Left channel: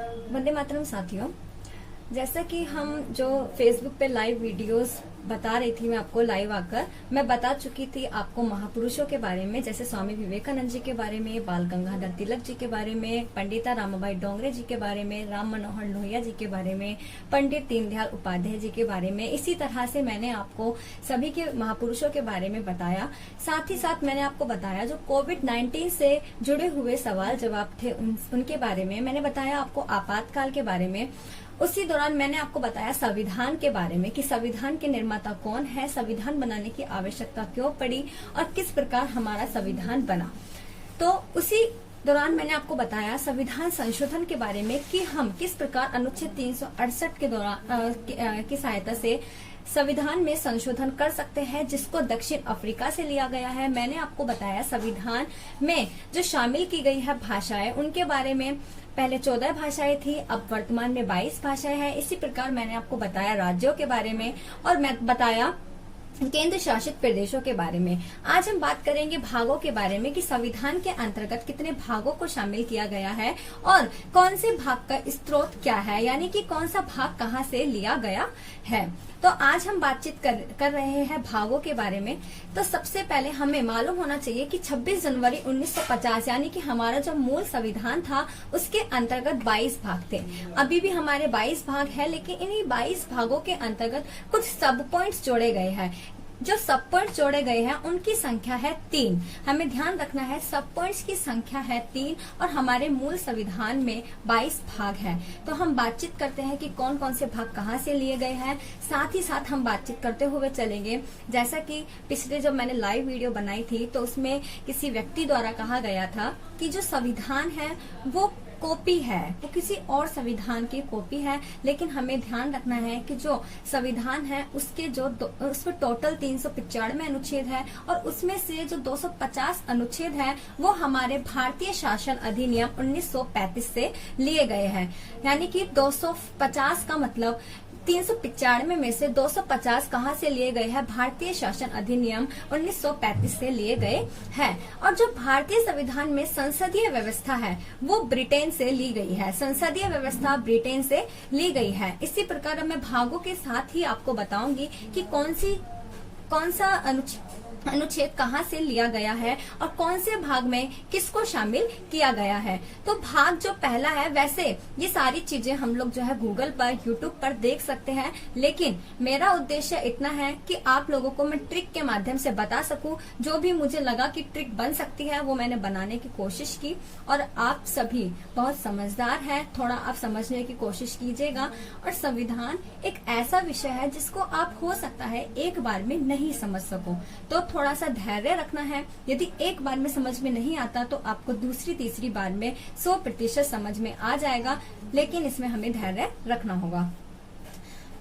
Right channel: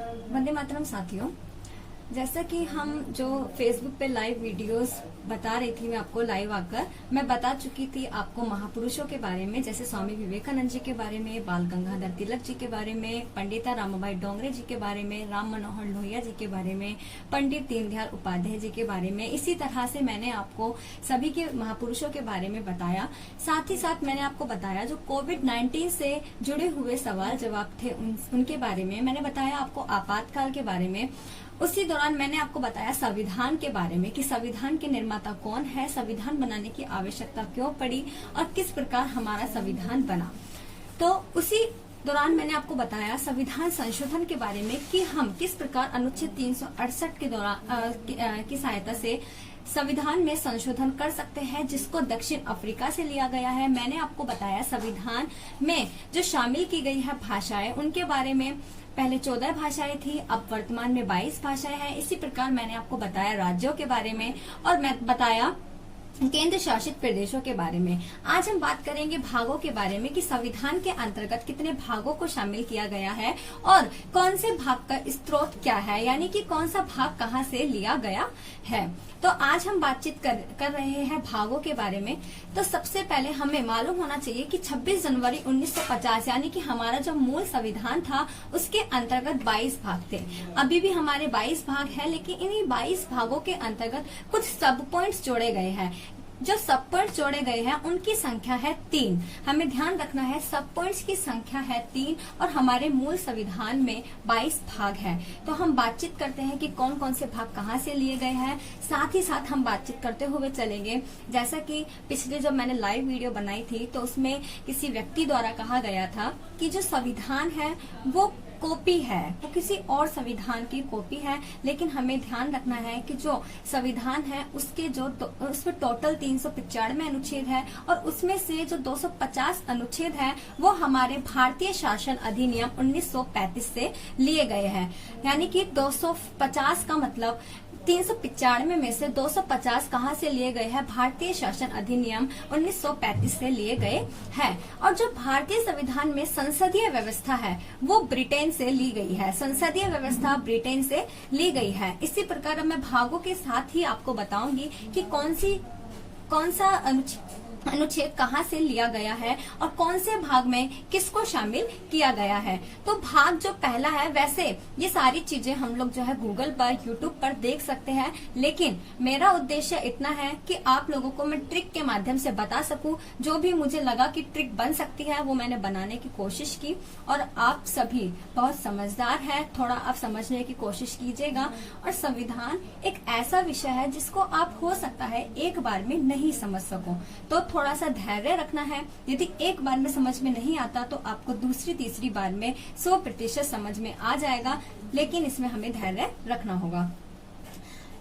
वंदे मातरम साथियों, जैसा कि हम जो फेसबुक पे लाइव वीडियोस बता रही थी, मैं आपको लाइव आकर मैं बता चुकी थी आपको महापुरुषों के बारे में, जैसे स्वामी विवेकानंद जी के बारे में, बाल गंगाधर तिलक जी के बारे में, पंडिता रामाबाई डोंगरे जी के बारे में, राम मनोहर लोहिया जी के बारे में, पंडित दीनदयाल उपाध्याय जी के बारे में। इसी तरह से मैंने आपको सभी के महापुरुषों के बारे में बताया। साथ ही साथ मैंने आपको बताया जो कोविड-19 से जुड़े हुए सवाल जवाब थे उनके बारे में मैंने बताया, आपको आपातकाल के बारे में। उसी दौरान मैंने आपको बताया संविधान के बारे में कि संविधान के निर्माता कौन है, संविधान बनाने की आवश्यकता क्यों पड़ी और किस प्रकार हमारा संविधान बना। तो उसी दौरान मैंने आपको बताया संविधान संशोधन के बारे में कि हम किस प्रकार अनुच्छेद 368 के दौरान की सहायता से संविधान में संशोधन कर सकते हैं, जिसको दक्षिण अफ्रीका से लिया गया है। मैंने आपको बताया संविधान में जो शामिल की गई है भाषाएं, उनके बारे में। पहले 14 भाषाएं थी, अब वर्तमान में 22 भाषाएं हैं। इसी प्रकार मैंने आपको बताया राज्यों के बारे में और मैं बताया केंद्र शासित प्रदेशों के बारे में। आज हम बात करेंगे भागों के बारे में कि संविधान के अंतर्गत कितने भागों को शामिल किया गया है और कौन से भाग का स्रोत क्या है, यानी कि कौन सा भाग कहां से लिया गया है। तो आज हम बातचीत कर रहे हैं भागों के बारे में। तो सबसे पहले हमें मालूम होना चाहिए कि 26 जनवरी 1950 यानी कि हमारा जो मूल संविधान था उसके अंतर्गत 22 भाग थे। अभी भी हमारे 22 भाग है, लेकिन इन्हीं 22 भागों के अंतर्गत कुछ सब पॉइंट्स जोड़े गए हैं। जो सब पॉइंट्स जोड़े गए हैं उनकी संख्या है 3। हमें ध्यान रखना है सब पॉइंट्स की संख्या है 3 और हमारे मूल संविधान में 22 भाग हैं। तो हम बातचीत करते हैं कि कौन कौन से भाग कहाँ से लिए गए हैं। साथ ही साथ हम बातचीत करते हुए चलेंगे, जैसा कि पिछले जब मैंने लाइव वीडियो बनाई थी तो उसमें किसी व्यक्ति द्वारा कहा गया था कि जो संविधान है वो कॉपी है, वो किसी और संविधान की कॉपी है। लेकिन हमें ध्यान रखना है कि जो संविधान है उसके उसमें टोटल 395 अनुच्छेद है और उसमें से जो 250 अनुच्छेद है वो हमारे भारतीय शासन अधिनियम 1935 से लिए गए हैं। यानी कि 250 का मतलब 395 में से 250 कहाँ से लिए गए हैं? भारतीय शासन अधिनियम 1935 से लिए गए हैं। और जो भारतीय संविधान में संसदीय व्यवस्था है वो ब्रिटेन से ली गई है। संसदीय व्यवस्था ब्रिटेन से ली गई है। इसी प्रकार मैं भागों के साथ ही आपको बताऊंगी कि कौन सा अनुच्छेद कहाँ से लिया गया है और कौन से भाग में किसको शामिल किया गया है। तो भाग जो पहला है, वैसे ये सारी चीजें हम लोग जो है गूगल पर, यूट्यूब पर देख सकते हैं, लेकिन मेरा उद्देश्य इतना है कि आप लोगों को मैं ट्रिक के माध्यम से बता सकूं। जो भी मुझे लगा कि ट्रिक बन सकती है वो मैंने बनाने की कोशिश की। और आप सभी बहुत समझदार हैं, थोड़ा आप समझने की कोशिश कीजिएगा। और संविधान एक ऐसा विषय है जिसको आप हो सकता है एक बार में नहीं समझ सको, तो थोड़ा सा धैर्य रखना है। यदि एक बार में समझ में नहीं आता तो आपको दूसरी तीसरी बार में 100% समझ में आ जाएगा, लेकिन इसमें हमें धैर्य रखना होगा।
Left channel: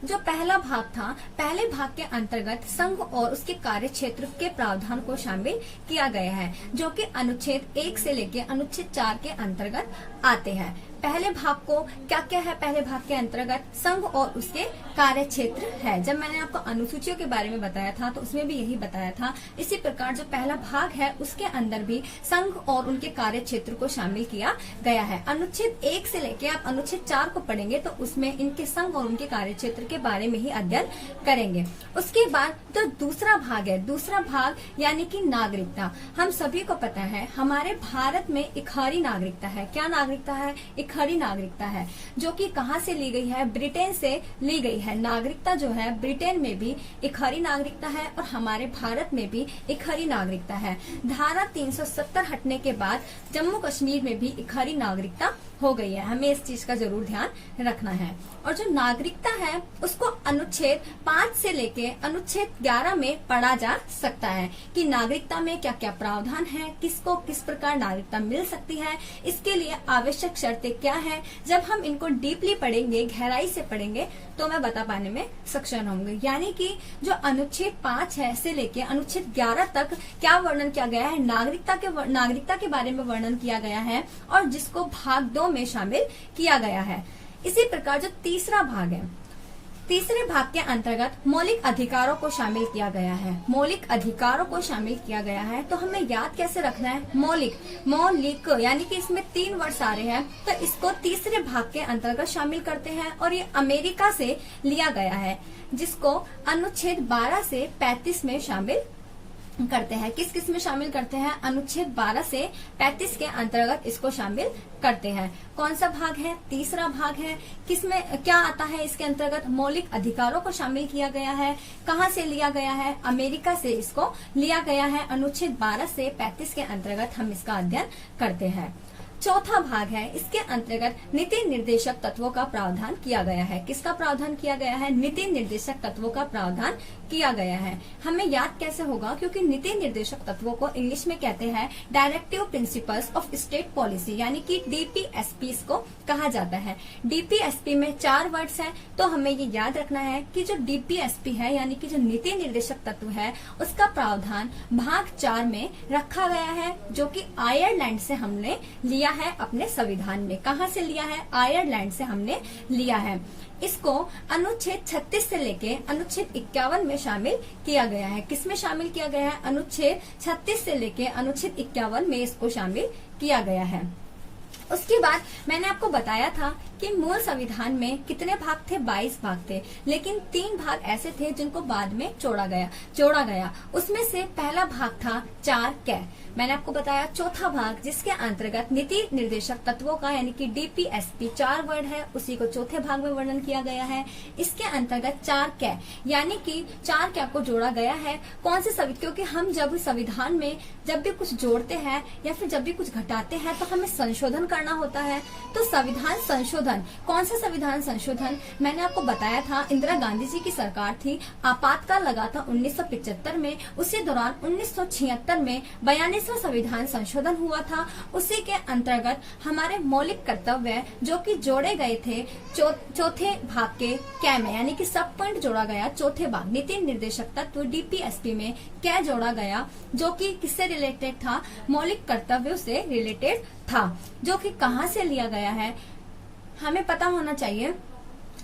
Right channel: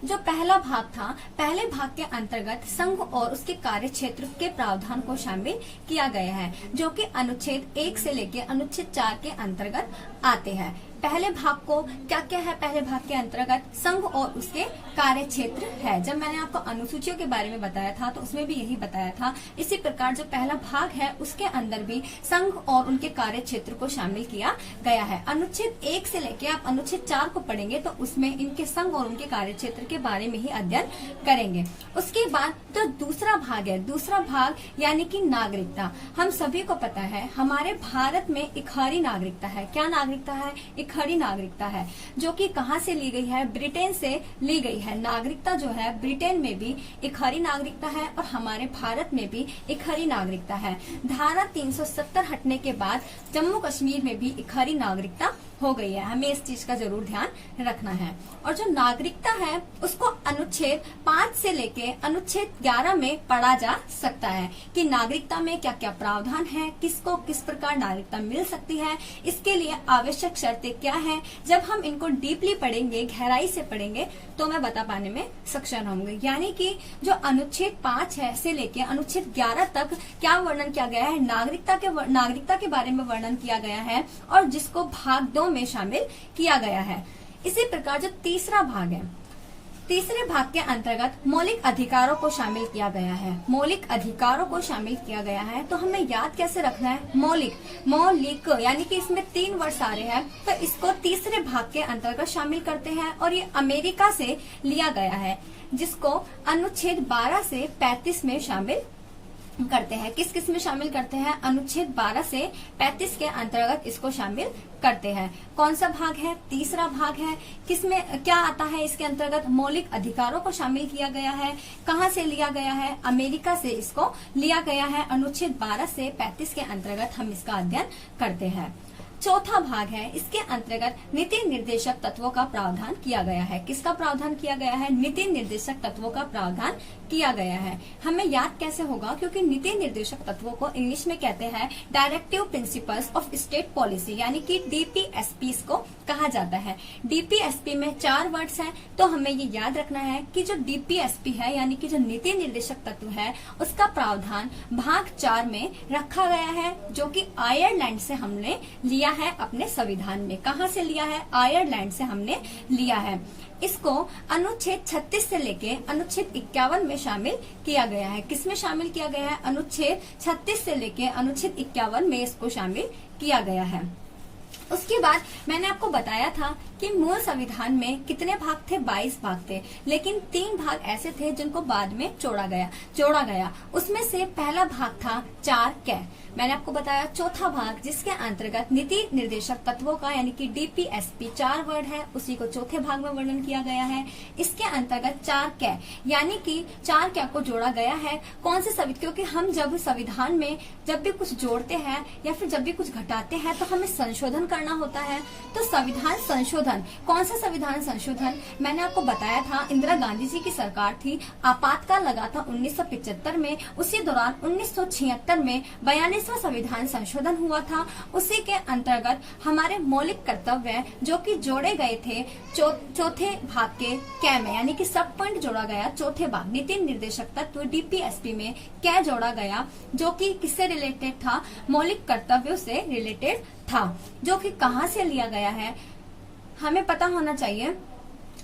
जो पहला भाग था, पहले भाग के अंतर्गत संघ और उसके कार्य क्षेत्र के प्रावधान को शामिल किया गया है, जो कि अनुच्छेद 1 से लेकर अनुच्छेद 4 के अंतर्गत आते हैं। पहले भाग को क्या क्या है? पहले भाग के अंतर्गत संघ और उसके कार्य क्षेत्र है। जब मैंने आपको अनुसूचियों के बारे में बताया था तो उसमें भी यही बताया था। इसी प्रकार जो पहला भाग है उसके अंदर भी संघ और उनके कार्य क्षेत्र को शामिल किया गया है। अनुच्छेद 1 से लेके आप अनुच्छेद 4 को पढ़ेंगे तो उसमें इनके संघ और उनके कार्य क्षेत्र के बारे में ही अध्ययन करेंगे। उसके बाद जो दूसरा भाग है, दूसरा भाग यानी कि नागरिकता। हम सभी को पता है हमारे भारत में इकहरी नागरिकता है। क्या नागरिकता है? इकहरी नागरिकता है, जो कि कहाँ से ली गई है? ब्रिटेन से ली गई है। नागरिकता जो है ब्रिटेन में भी इकहरी नागरिकता है और हमारे भारत में भी इकहरी नागरिकता है। धारा 370 हटने के बाद जम्मू कश्मीर में भी इकहरी नागरिकता हो गई है। हमें इस चीज का जरूर ध्यान रखना है। और जो नागरिकता है उसको अनुच्छेद 5 से लेके अनुच्छेद 11 में पढ़ा जा सकता है कि नागरिकता में क्या क्या प्रावधान है, किसको किस प्रकार नागरिकता मिल सकती है, इसके लिए आवश्यक शर्तें क्या हैं। जब हम इनको डीपली पढ़ेंगे, गहराई से पढ़ेंगे, तो मैं बता पाने में सक्षम होंगे। यानी कि जो अनुच्छेद 5 है से लेके अनुच्छेद 11 तक क्या वर्णन किया गया है? नागरिकता के बारे में वर्णन किया गया है और जिसको भाग 2 में शामिल किया गया है। इसी प्रकार जो तीसरा भाग है, तीसरे भाग के अंतर्गत मौलिक अधिकारों को शामिल किया गया है। मौलिक अधिकारों को शामिल किया गया है तो हमें याद कैसे रखना है? मौलिक यानी कि इसमें 3 वर्ड्स आ रहे हैं, तो इसको तीसरे भाग के अंतर्गत शामिल करते हैं और ये अमेरिका से लिया गया है, जिसको अनुच्छेद 12 से 35 में शामिल करते हैं। किस किस में शामिल करते हैं? अनुच्छेद 12 से 35 के अंतर्गत इसको शामिल करते हैं। कौन सा भाग है? तीसरा भाग है। किसमें क्या आता है इसके अंतर्गत? मौलिक अधिकारों को शामिल किया गया है। कहाँ से लिया गया है? अमेरिका से इसको लिया गया है। अनुच्छेद 12 से 35 के अंतर्गत हम इसका अध्ययन करते हैं। चौथा भाग है, इसके अंतर्गत नीति निर्देशक तत्वों का प्रावधान किया गया है। किसका प्रावधान किया गया है? नीति निर्देशक तत्वों का प्रावधान किया गया है। हमें याद कैसे होगा? क्योंकि नीति निर्देशक तत्वों को इंग्लिश में कहते हैं directive principles of state policy, यानी कि डीपीएसपी इसको कहा जाता है। डीपीएसपी में 4 वर्ड्स हैं, तो हमें ये याद रखना है कि जो डीपीएसपी है यानी कि जो नीति निर्देशक तत्व है, उसका प्रावधान भाग 4 में रखा गया है, जो कि आयरलैंड से हमने लिया है अपने संविधान में। कहाँ से लिया है? आयरलैंड से हमने लिया है। इसको अनुच्छेद 36 से लेके अनुच्छेद 51 में शामिल किया गया है। किसमें शामिल किया गया है? अनुच्छेद 36 से लेके अनुच्छेद 51 में इसको शामिल किया गया है। उसके बाद मैंने आपको बताया था कि मूल संविधान में कितने भाग थे? 22 भाग थे, लेकिन 3 भाग ऐसे थे जिनको बाद में जोड़ा गया। उसमें से पहला भाग था 4 कै। मैंने आपको बताया चौथा भाग जिसके अंतर्गत नीति निर्देशक तत्वों का यानी कि डीपीएसपी 4 वर्ड है, उसी को चौथे भाग में वर्णन किया गया है। इसके अंतर्गत 4 कै यानी कि 4 कै को जोड़ा गया है। कौन से क्योंकि हम जब संविधान में जब भी कुछ जोड़ते हैं या फिर जब भी कुछ घटाते हैं तो हमें संशोधन करना होता है। तो संविधान संशोधन, कौन सा संविधान संशोधन? मैंने आपको बताया था इंदिरा गांधी जी की सरकार थी, आपातकाल लगा था 1975 में। उसी दौरान 1976 में 42वां संविधान संशोधन हुआ था। उसी के अंतर्गत हमारे मौलिक कर्तव्य जो कि जोड़े गए थे चौथे भाग के कै में, यानी कि सब पॉइंट जोड़ा गया। चौथे भाग नीति निर्देशक तत्व डीपीएसपी में कै जोड़ा गया, जो कि किससे रिलेटेड था? मौलिक कर्तव्यों से रिलेटेड था। जो कि कहाँ से लिया गया है हमें पता होना चाहिए।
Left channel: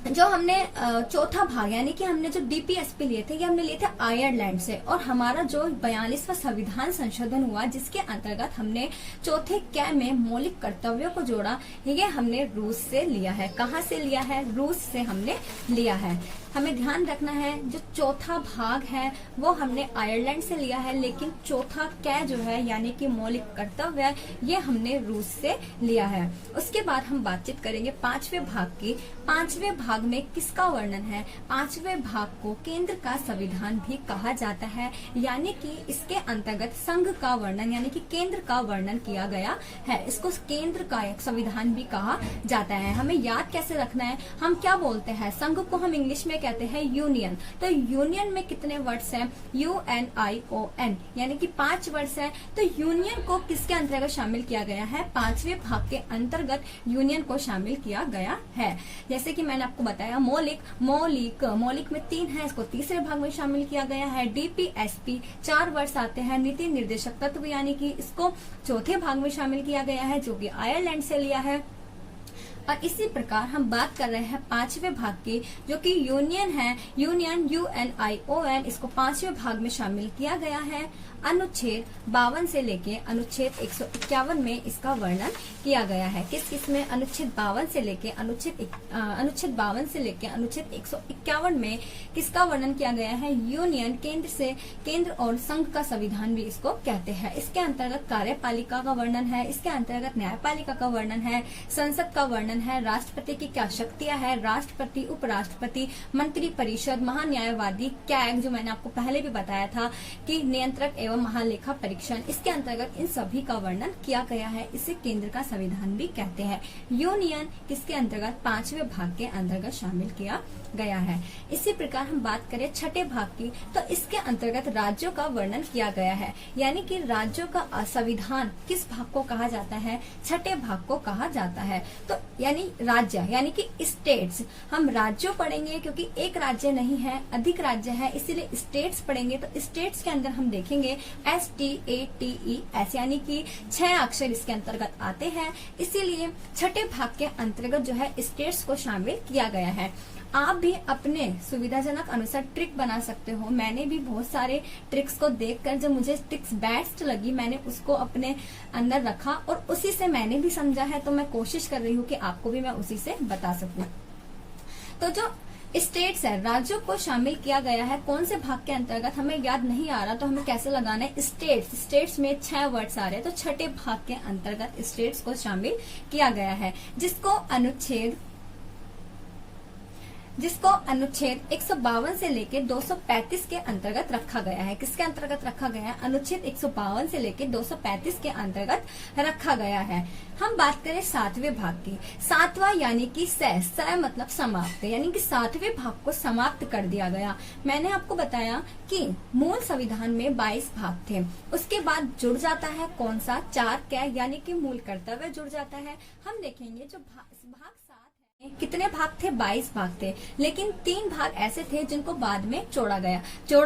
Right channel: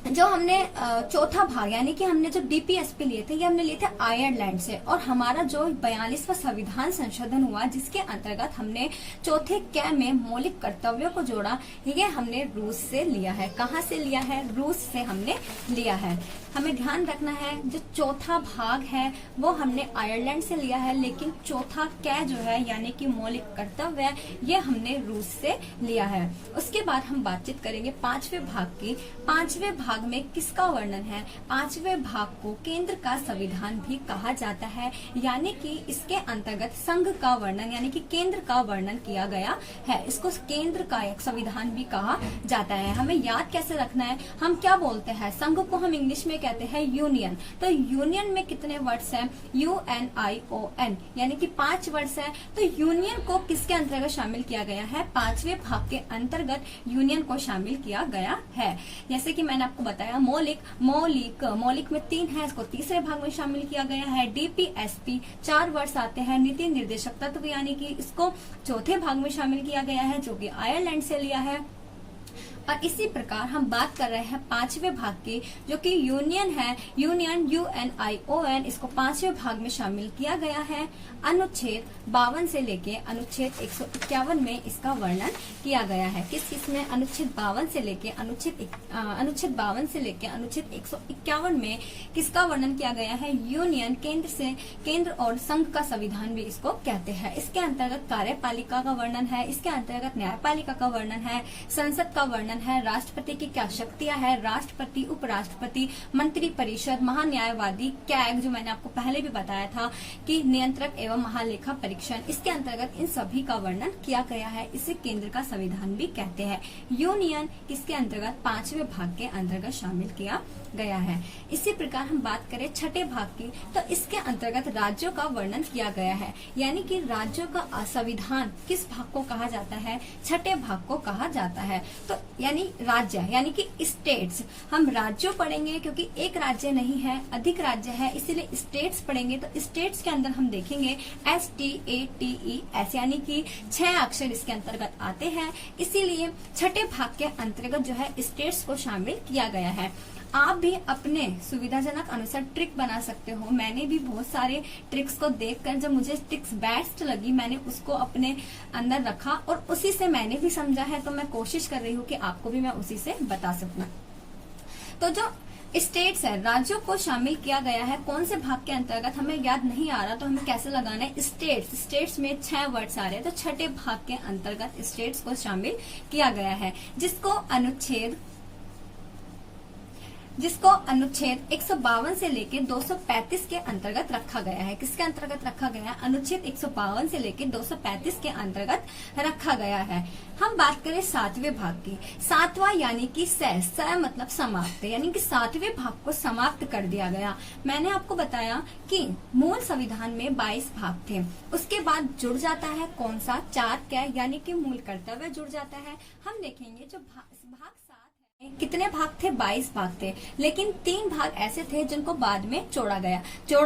जो हमने चौथा भाग यानी कि हमने जो डीपीएसपी लिए थे, ये हमने लिए थे आयरलैंड से, और हमारा जो 42वां संविधान संशोधन हुआ जिसके अंतर्गत हमने चौथे कै में मौलिक कर्तव्यों को जोड़ा, ये हमने रूस से लिया है। कहाँ से लिया है? रूस से हमने लिया है। हमें ध्यान रखना है जो चौथा भाग है वो हमने आयरलैंड से लिया है, लेकिन चौथा कै जो है यानी कि मौलिक कर्तव्य, ये हमने रूस से लिया है। उसके बाद हम बातचीत करेंगे 5वें भाग की। 5वें भाग में किसका वर्णन है? 5वें भाग को केंद्र का संविधान भी कहा जाता है, यानी कि इसके अंतर्गत संघ का वर्णन यानी कि केंद्र का वर्णन किया गया है। इसको केंद्र का एक संविधान भी कहा जाता है। हमें याद कैसे रखना है? हम क्या बोलते हैं? संघ को हम इंग्लिश में कहते हैं यूनियन। तो यूनियन में कितने वर्ड्स हैं? UNION यानी कि 5 वर्ड्स है। तो यूनियन को किसके अंतर्गत शामिल किया गया है? 5वें भाग के अंतर्गत यूनियन को शामिल किया गया है। जैसे कि मैंने आपको बताया मौलिक में 3 है, इसको तीसरे भाग में शामिल किया गया है। डीपीएसपी 4 वर्ड्स आते हैं। नीति निर्देशक तत्व यानी कि इसको चौथे भाग में शामिल किया गया है, जो कि आयरलैंड से लिया है। और इसी प्रकार हम बात कर रहे हैं 5वें भाग की, जो कि यूनियन है। UNION इसको 5वें भाग में शामिल किया गया है। अनुच्छेद 52 से लेके अनुच्छेद 151 में इसका वर्णन किया गया है। किस किस में? अनुच्छेद 52 से लेके अनुच्छेद 151 में किसका वर्णन किया गया है? यूनियन, केंद्र और संघ का संविधान भी इसको कहते हैं। इसके अंतर्गत कार्यपालिका का वर्णन है, इसके अंतर्गत न्यायपालिका का वर्णन है, संसद का वर्णन है, राष्ट्रपति की क्या शक्तियां है, राष्ट्रपति, उपराष्ट्रपति, मंत्री परिषद, महान्यायवादी, कैग जो मैंने आपको पहले भी बताया था कि नियंत्रक एवं महालेखा परीक्षण, इसके अंतर्गत इन सभी का वर्णन किया गया है। इसे केंद्र का संविधान भी कहते हैं। यूनियन किसके अंतर्गत? 5वें भाग के अंतर्गत शामिल किया गया है। इसी प्रकार हम बात करें 6ठे भाग की, तो इसके अंतर्गत राज्यों का वर्णन किया गया है, यानी कि राज्यों का संविधान किस भाग को कहा जाता है? 6ठे भाग को कहा जाता है। तो यानी राज्य यानी कि स्टेट्स, हम राज्यों पढ़ेंगे क्योंकि एक राज्य नहीं है, अधिक राज्य है, इसीलिए स्टेट्स पढ़ेंगे। तो स्टेट्स के अंदर हम देखेंगे STATES यानी कि 6 अक्षर इसके अंतर्गत आते हैं, इसीलिए 6ठे भाग के अंतर्गत जो है स्टेट्स को शामिल किया गया है। आप भी अपने सुविधाजनक अनुसार ट्रिक बना सकते हो। मैंने भी बहुत सारे ट्रिक्स को देखकर जब मुझे ट्रिक्स बेस्ट लगी मैंने उसको अपने अंदर रखा और उसी से मैंने भी समझा है, तो मैं कोशिश कर रही हूँ कि आपको भी मैं उसी से बता सकूं। तो जो स्टेट्स है, राज्यों को शामिल किया गया है कौन से भाग के अंतर्गत हमें याद नहीं आ रहा, तो हमें कैसे लगाना है स्टेट्स। स्टेट्स में 6 वर्ड्स आ रहे हैं, तो छठे भाग के अंतर्गत स्टेट्स को शामिल किया गया है, जिसको अनुच्छेद 152 से लेके 235 के अंतर्गत रखा गया है। किसके अंतर्गत रखा गया है? अनुच्छेद 152 से लेके 235 के अंतर्गत रखा गया है। हम बात करें 7वें भाग की। 7वां यानी कि स मतलब समाप्त, यानी कि 7वें भाग को समाप्त कर दिया गया। मैंने आपको बताया कि मूल संविधान में 22 भाग थे, उसके बाद जुड़ जाता है कौन सा? 4 कै यानी कि मूल कर्तव्य जुड़ जाता है। हम देखेंगे जो भाग 7 कितने भाग थे? 22 भाग थे, लेकिन 3 भाग ऐसे थे जिनको बाद में जोड़ा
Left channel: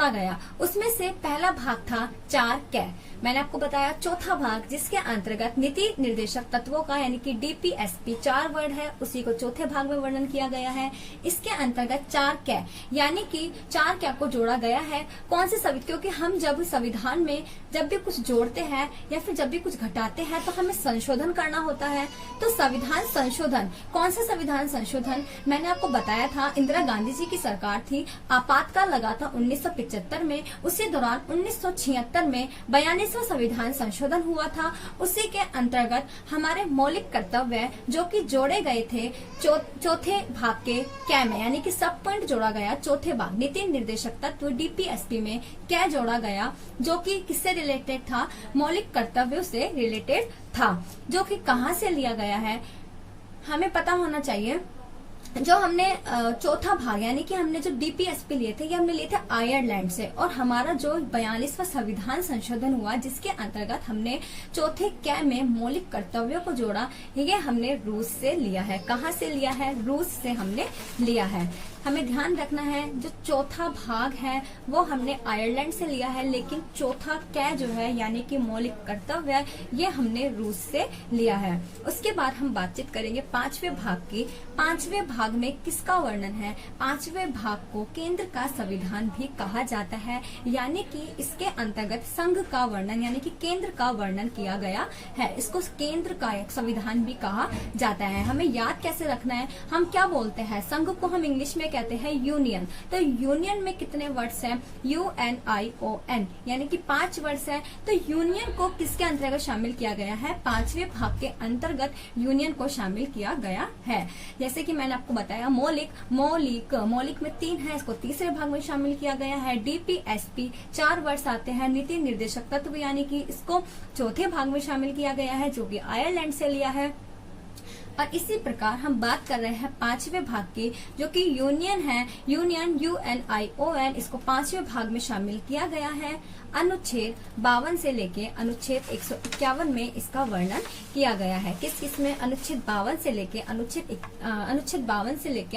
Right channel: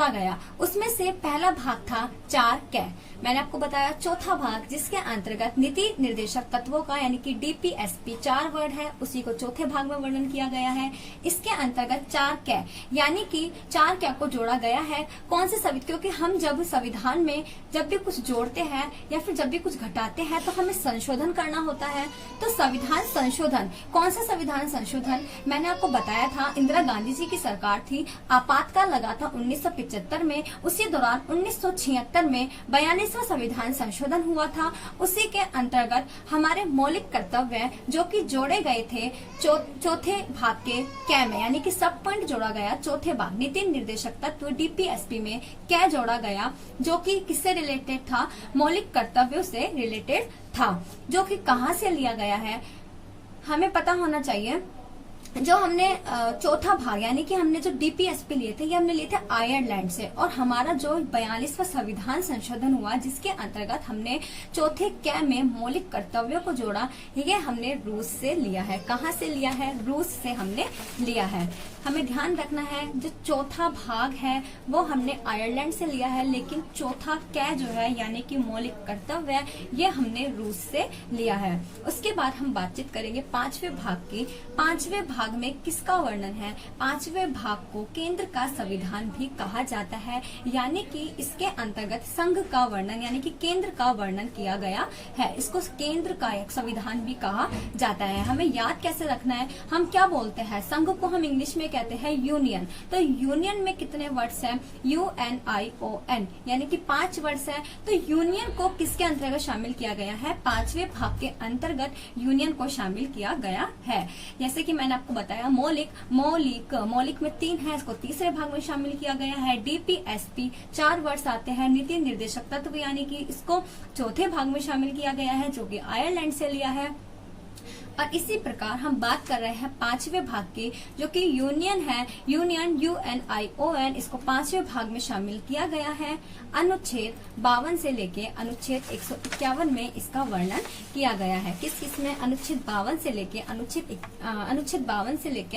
गया। उसमें से पहला भाग था 4 कै। मैंने आपको बताया चौथा भाग जिसके अंतर्गत नीति निर्देशक तत्वों का यानी कि DPSP 4 वर्ड है, उसी को चौथे भाग में वर्णन किया गया है। इसके अंतर्गत 4 कै यानी कि 4 कै को जोड़ा गया है कौन से क्योंकि हम जब संविधान में जब भी कुछ जोड़ते हैं या फिर जब भी कुछ घटाते हैं तो हमें संशोधन करना होता है। तो संविधान संशोधन, कौन सा संविधान संशोधन? मैंने आपको बताया था इंदिरा गांधी जी की सरकार थी, आपातकाल लगा था 1975 में, उसी दौरान 1976 में 42वां संविधान संशोधन हुआ था। उसी के अंतर्गत हमारे मौलिक कर्तव्य जो कि जोड़े गए थे चौथे भाग के कै में, यानी कि सब पॉइंट जोड़ा गया। चौथे भाग नीति निर्देशक तत्व DPSP में कै जोड़ा गया, जो कि किससे रिलेटेड था? मौलिक कर्तव्यों से रिलेटेड था, जो कि कहाँ से लिया गया है हमें पता होना चाहिए। जो हमने चौथा भाग यानी कि हमने जो DPSP लिए थे, ये हमने लिए थे आयरलैंड से, और हमारा जो 42वां संविधान संशोधन हुआ जिसके अंतर्गत हमने चौथे कै में मौलिक कर्तव्यों को जोड़ा, ये हमने रूस से लिया है। कहाँ से लिया है? रूस से हमने लिया है। हमें ध्यान रखना है जो चौथा भाग है वो हमने आयरलैंड से लिया है, लेकिन चौथा कै जो है यानी कि मौलिक कर्तव्य ये हमने रूस से लिया है। उसके बाद हम बातचीत करेंगे 5वें भाग की। 5वें भाग में किसका वर्णन है? 5वें भाग को केंद्र का संविधान भी कहा जाता है, यानी कि इसके अंतर्गत संघ का वर्णन यानी कि केंद्र का वर्णन किया गया है। इसको केंद्र का एक संविधान भी कहा जाता है। हमें याद कैसे रखना है? हम क्या बोलते हैं? संघ को हम इंग्लिश में कहते हैं यूनियन। तो यूनियन में कितने वर्ड्स हैं? UNION यानी कि 5 वर्ड्स हैं। तो यूनियन को किसके अंतर्गत शामिल किया गया है? 5वें भाग के अंतर्गत यूनियन को शामिल किया गया है। जैसे कि मैंने आपको बताया मौलिक में 3 है, इसको तीसरे भाग में शामिल किया गया है। DPSP 4 वर्ड्स आते हैं। नीति निर्देशक तत्व यानी कि इसको चौथे भाग में शामिल किया गया है, जो कि आयरलैंड से लिया है। और इसी प्रकार हम बात कर रहे हैं 5वें भाग की, जो कि यूनियन है। UNION इसको 5वें भाग में शामिल किया गया है। अनुच्छेद 52 से लेके अनुच्छेद 151 में इसका वर्णन किया गया है। किस में? अनुच्छेद 52 से लेके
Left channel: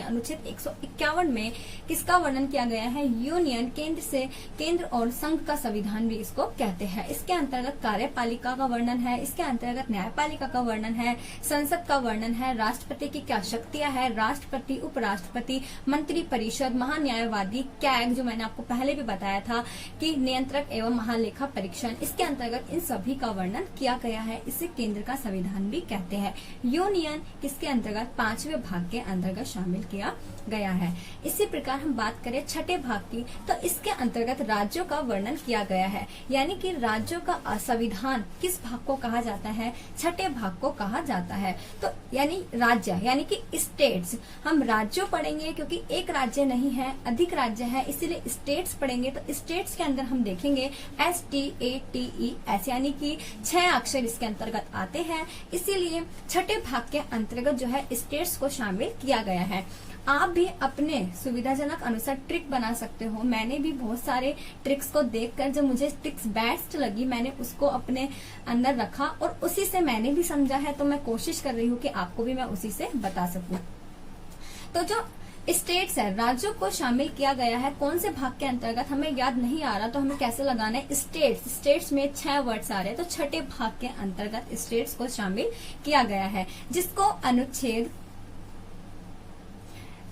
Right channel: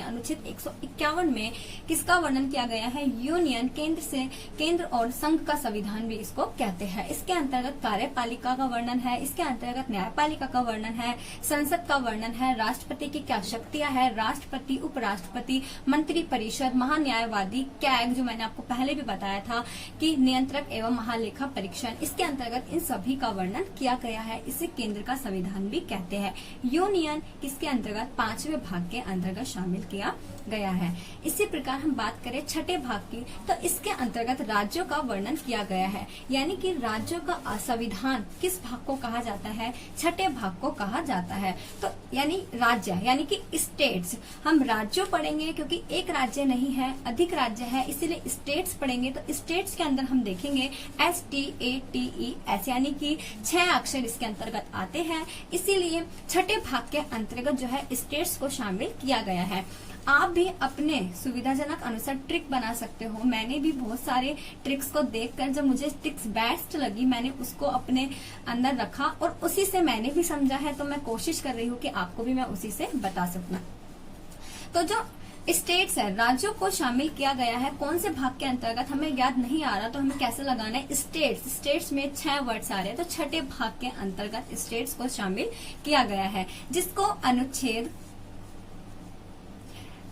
अनुच्छेद 151 में किसका वर्णन किया गया है? यूनियन, केंद्र और संघ का संविधान भी इसको कहते हैं। इसके अंतर्गत कार्यपालिका का वर्णन है, इसके अंतर्गत न्यायपालिका का वर्णन है, संसद का वर्णन है, राष्ट्रपति की क्या शक्तियां है, राष्ट्रपति, उपराष्ट्रपति, मंत्री परिषद, महान्यायवादी, कैग जो मैंने आपको पहले भी बताया था कि नियंत्रक एवं महालेखा परीक्षण, इसके अंतर्गत इन सभी का वर्णन किया गया है। इसे केंद्र का संविधान भी कहते हैं। यूनियन किसके अंतर्गत? 5वें भाग के अंतर्गत शामिल किया गया है। इसी प्रकार हम बात करें छठे भाग की, तो इसके अंतर्गत राज्यों का वर्णन किया गया है, यानी कि राज्यों का संविधान किस भाग को कहा जाता है? छठे भाग को कहा जाता है। तो यानी राज्य यानी कि स्टेट्स, हम राज्यों पढ़ेंगे क्योंकि एक राज्य नहीं है, अधिक राज्य है, इसीलिए स्टेट्स पढ़ेंगे। तो स्टेट्स के अंदर हम देखेंगे STATES यानी कि 6 अक्षर इसके अंतर्गत आते हैं, इसीलिए छठे भाग के अंतर्गत जो है स्टेट्स को शामिल किया गया है। आप भी अपने सुविधाजनक अनुसार ट्रिक बना सकते हो। मैंने भी बहुत सारे ट्रिक्स को देखकर जब मुझे ट्रिक्स बेस्ट लगी मैंने उसको अपने अंदर रखा और उसी से मैंने भी समझा है, तो मैं कोशिश कर रही हूँ कि आपको भी मैं उसी से बता सकूं। तो जो स्टेट्स है, राज्यों को शामिल किया गया है कौन से भाग के अंतर्गत हमें याद नहीं आ रहा, तो हमें कैसे लगाना है? स्टेट्स में 6 वर्ड्स आ रहे हैं, तो छठे भाग के अंतर्गत स्टेट्स को शामिल किया गया है, जिसको अनुच्छेद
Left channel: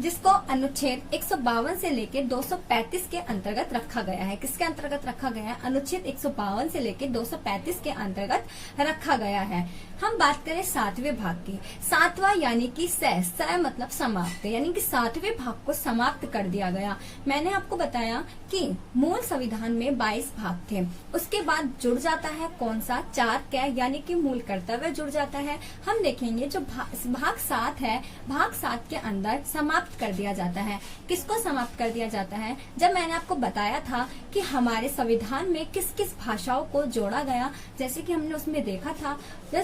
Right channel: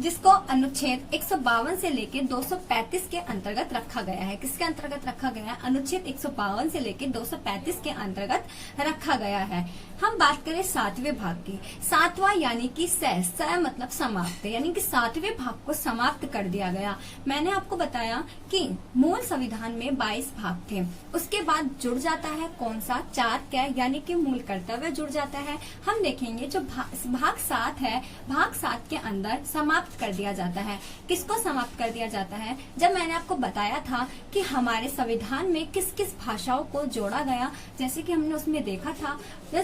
जिसको अनुच्छेद 152 से लेकर 235 के अंतर्गत रखा गया है। किसके अंतर्गत रखा गया है? अनुच्छेद 152 से लेकर 235 के अंतर्गत रखा गया है। हम बात करें 7वें भाग की। 7वां यानी कि स मतलब समाप्त, यानी कि 7वें भाग को समाप्त कर दिया गया। मैंने आपको बताया कि मूल संविधान में 22 भाग थे, उसके बाद जुड़ जाता है कौन सा? 4 क्या, यानी कि मूल कर्तव्य जुड़ जाता है। हम देखेंगे जो भाग 7 है, भाग 7 के अंदर समाप्त कर दिया जाता है। किसको समाप्त कर दिया जाता है? जब मैंने आपको बताया था कि हमारे संविधान में किस किस भाषाओं को जोड़ा गया, जैसे कि हमने उसमें देखा था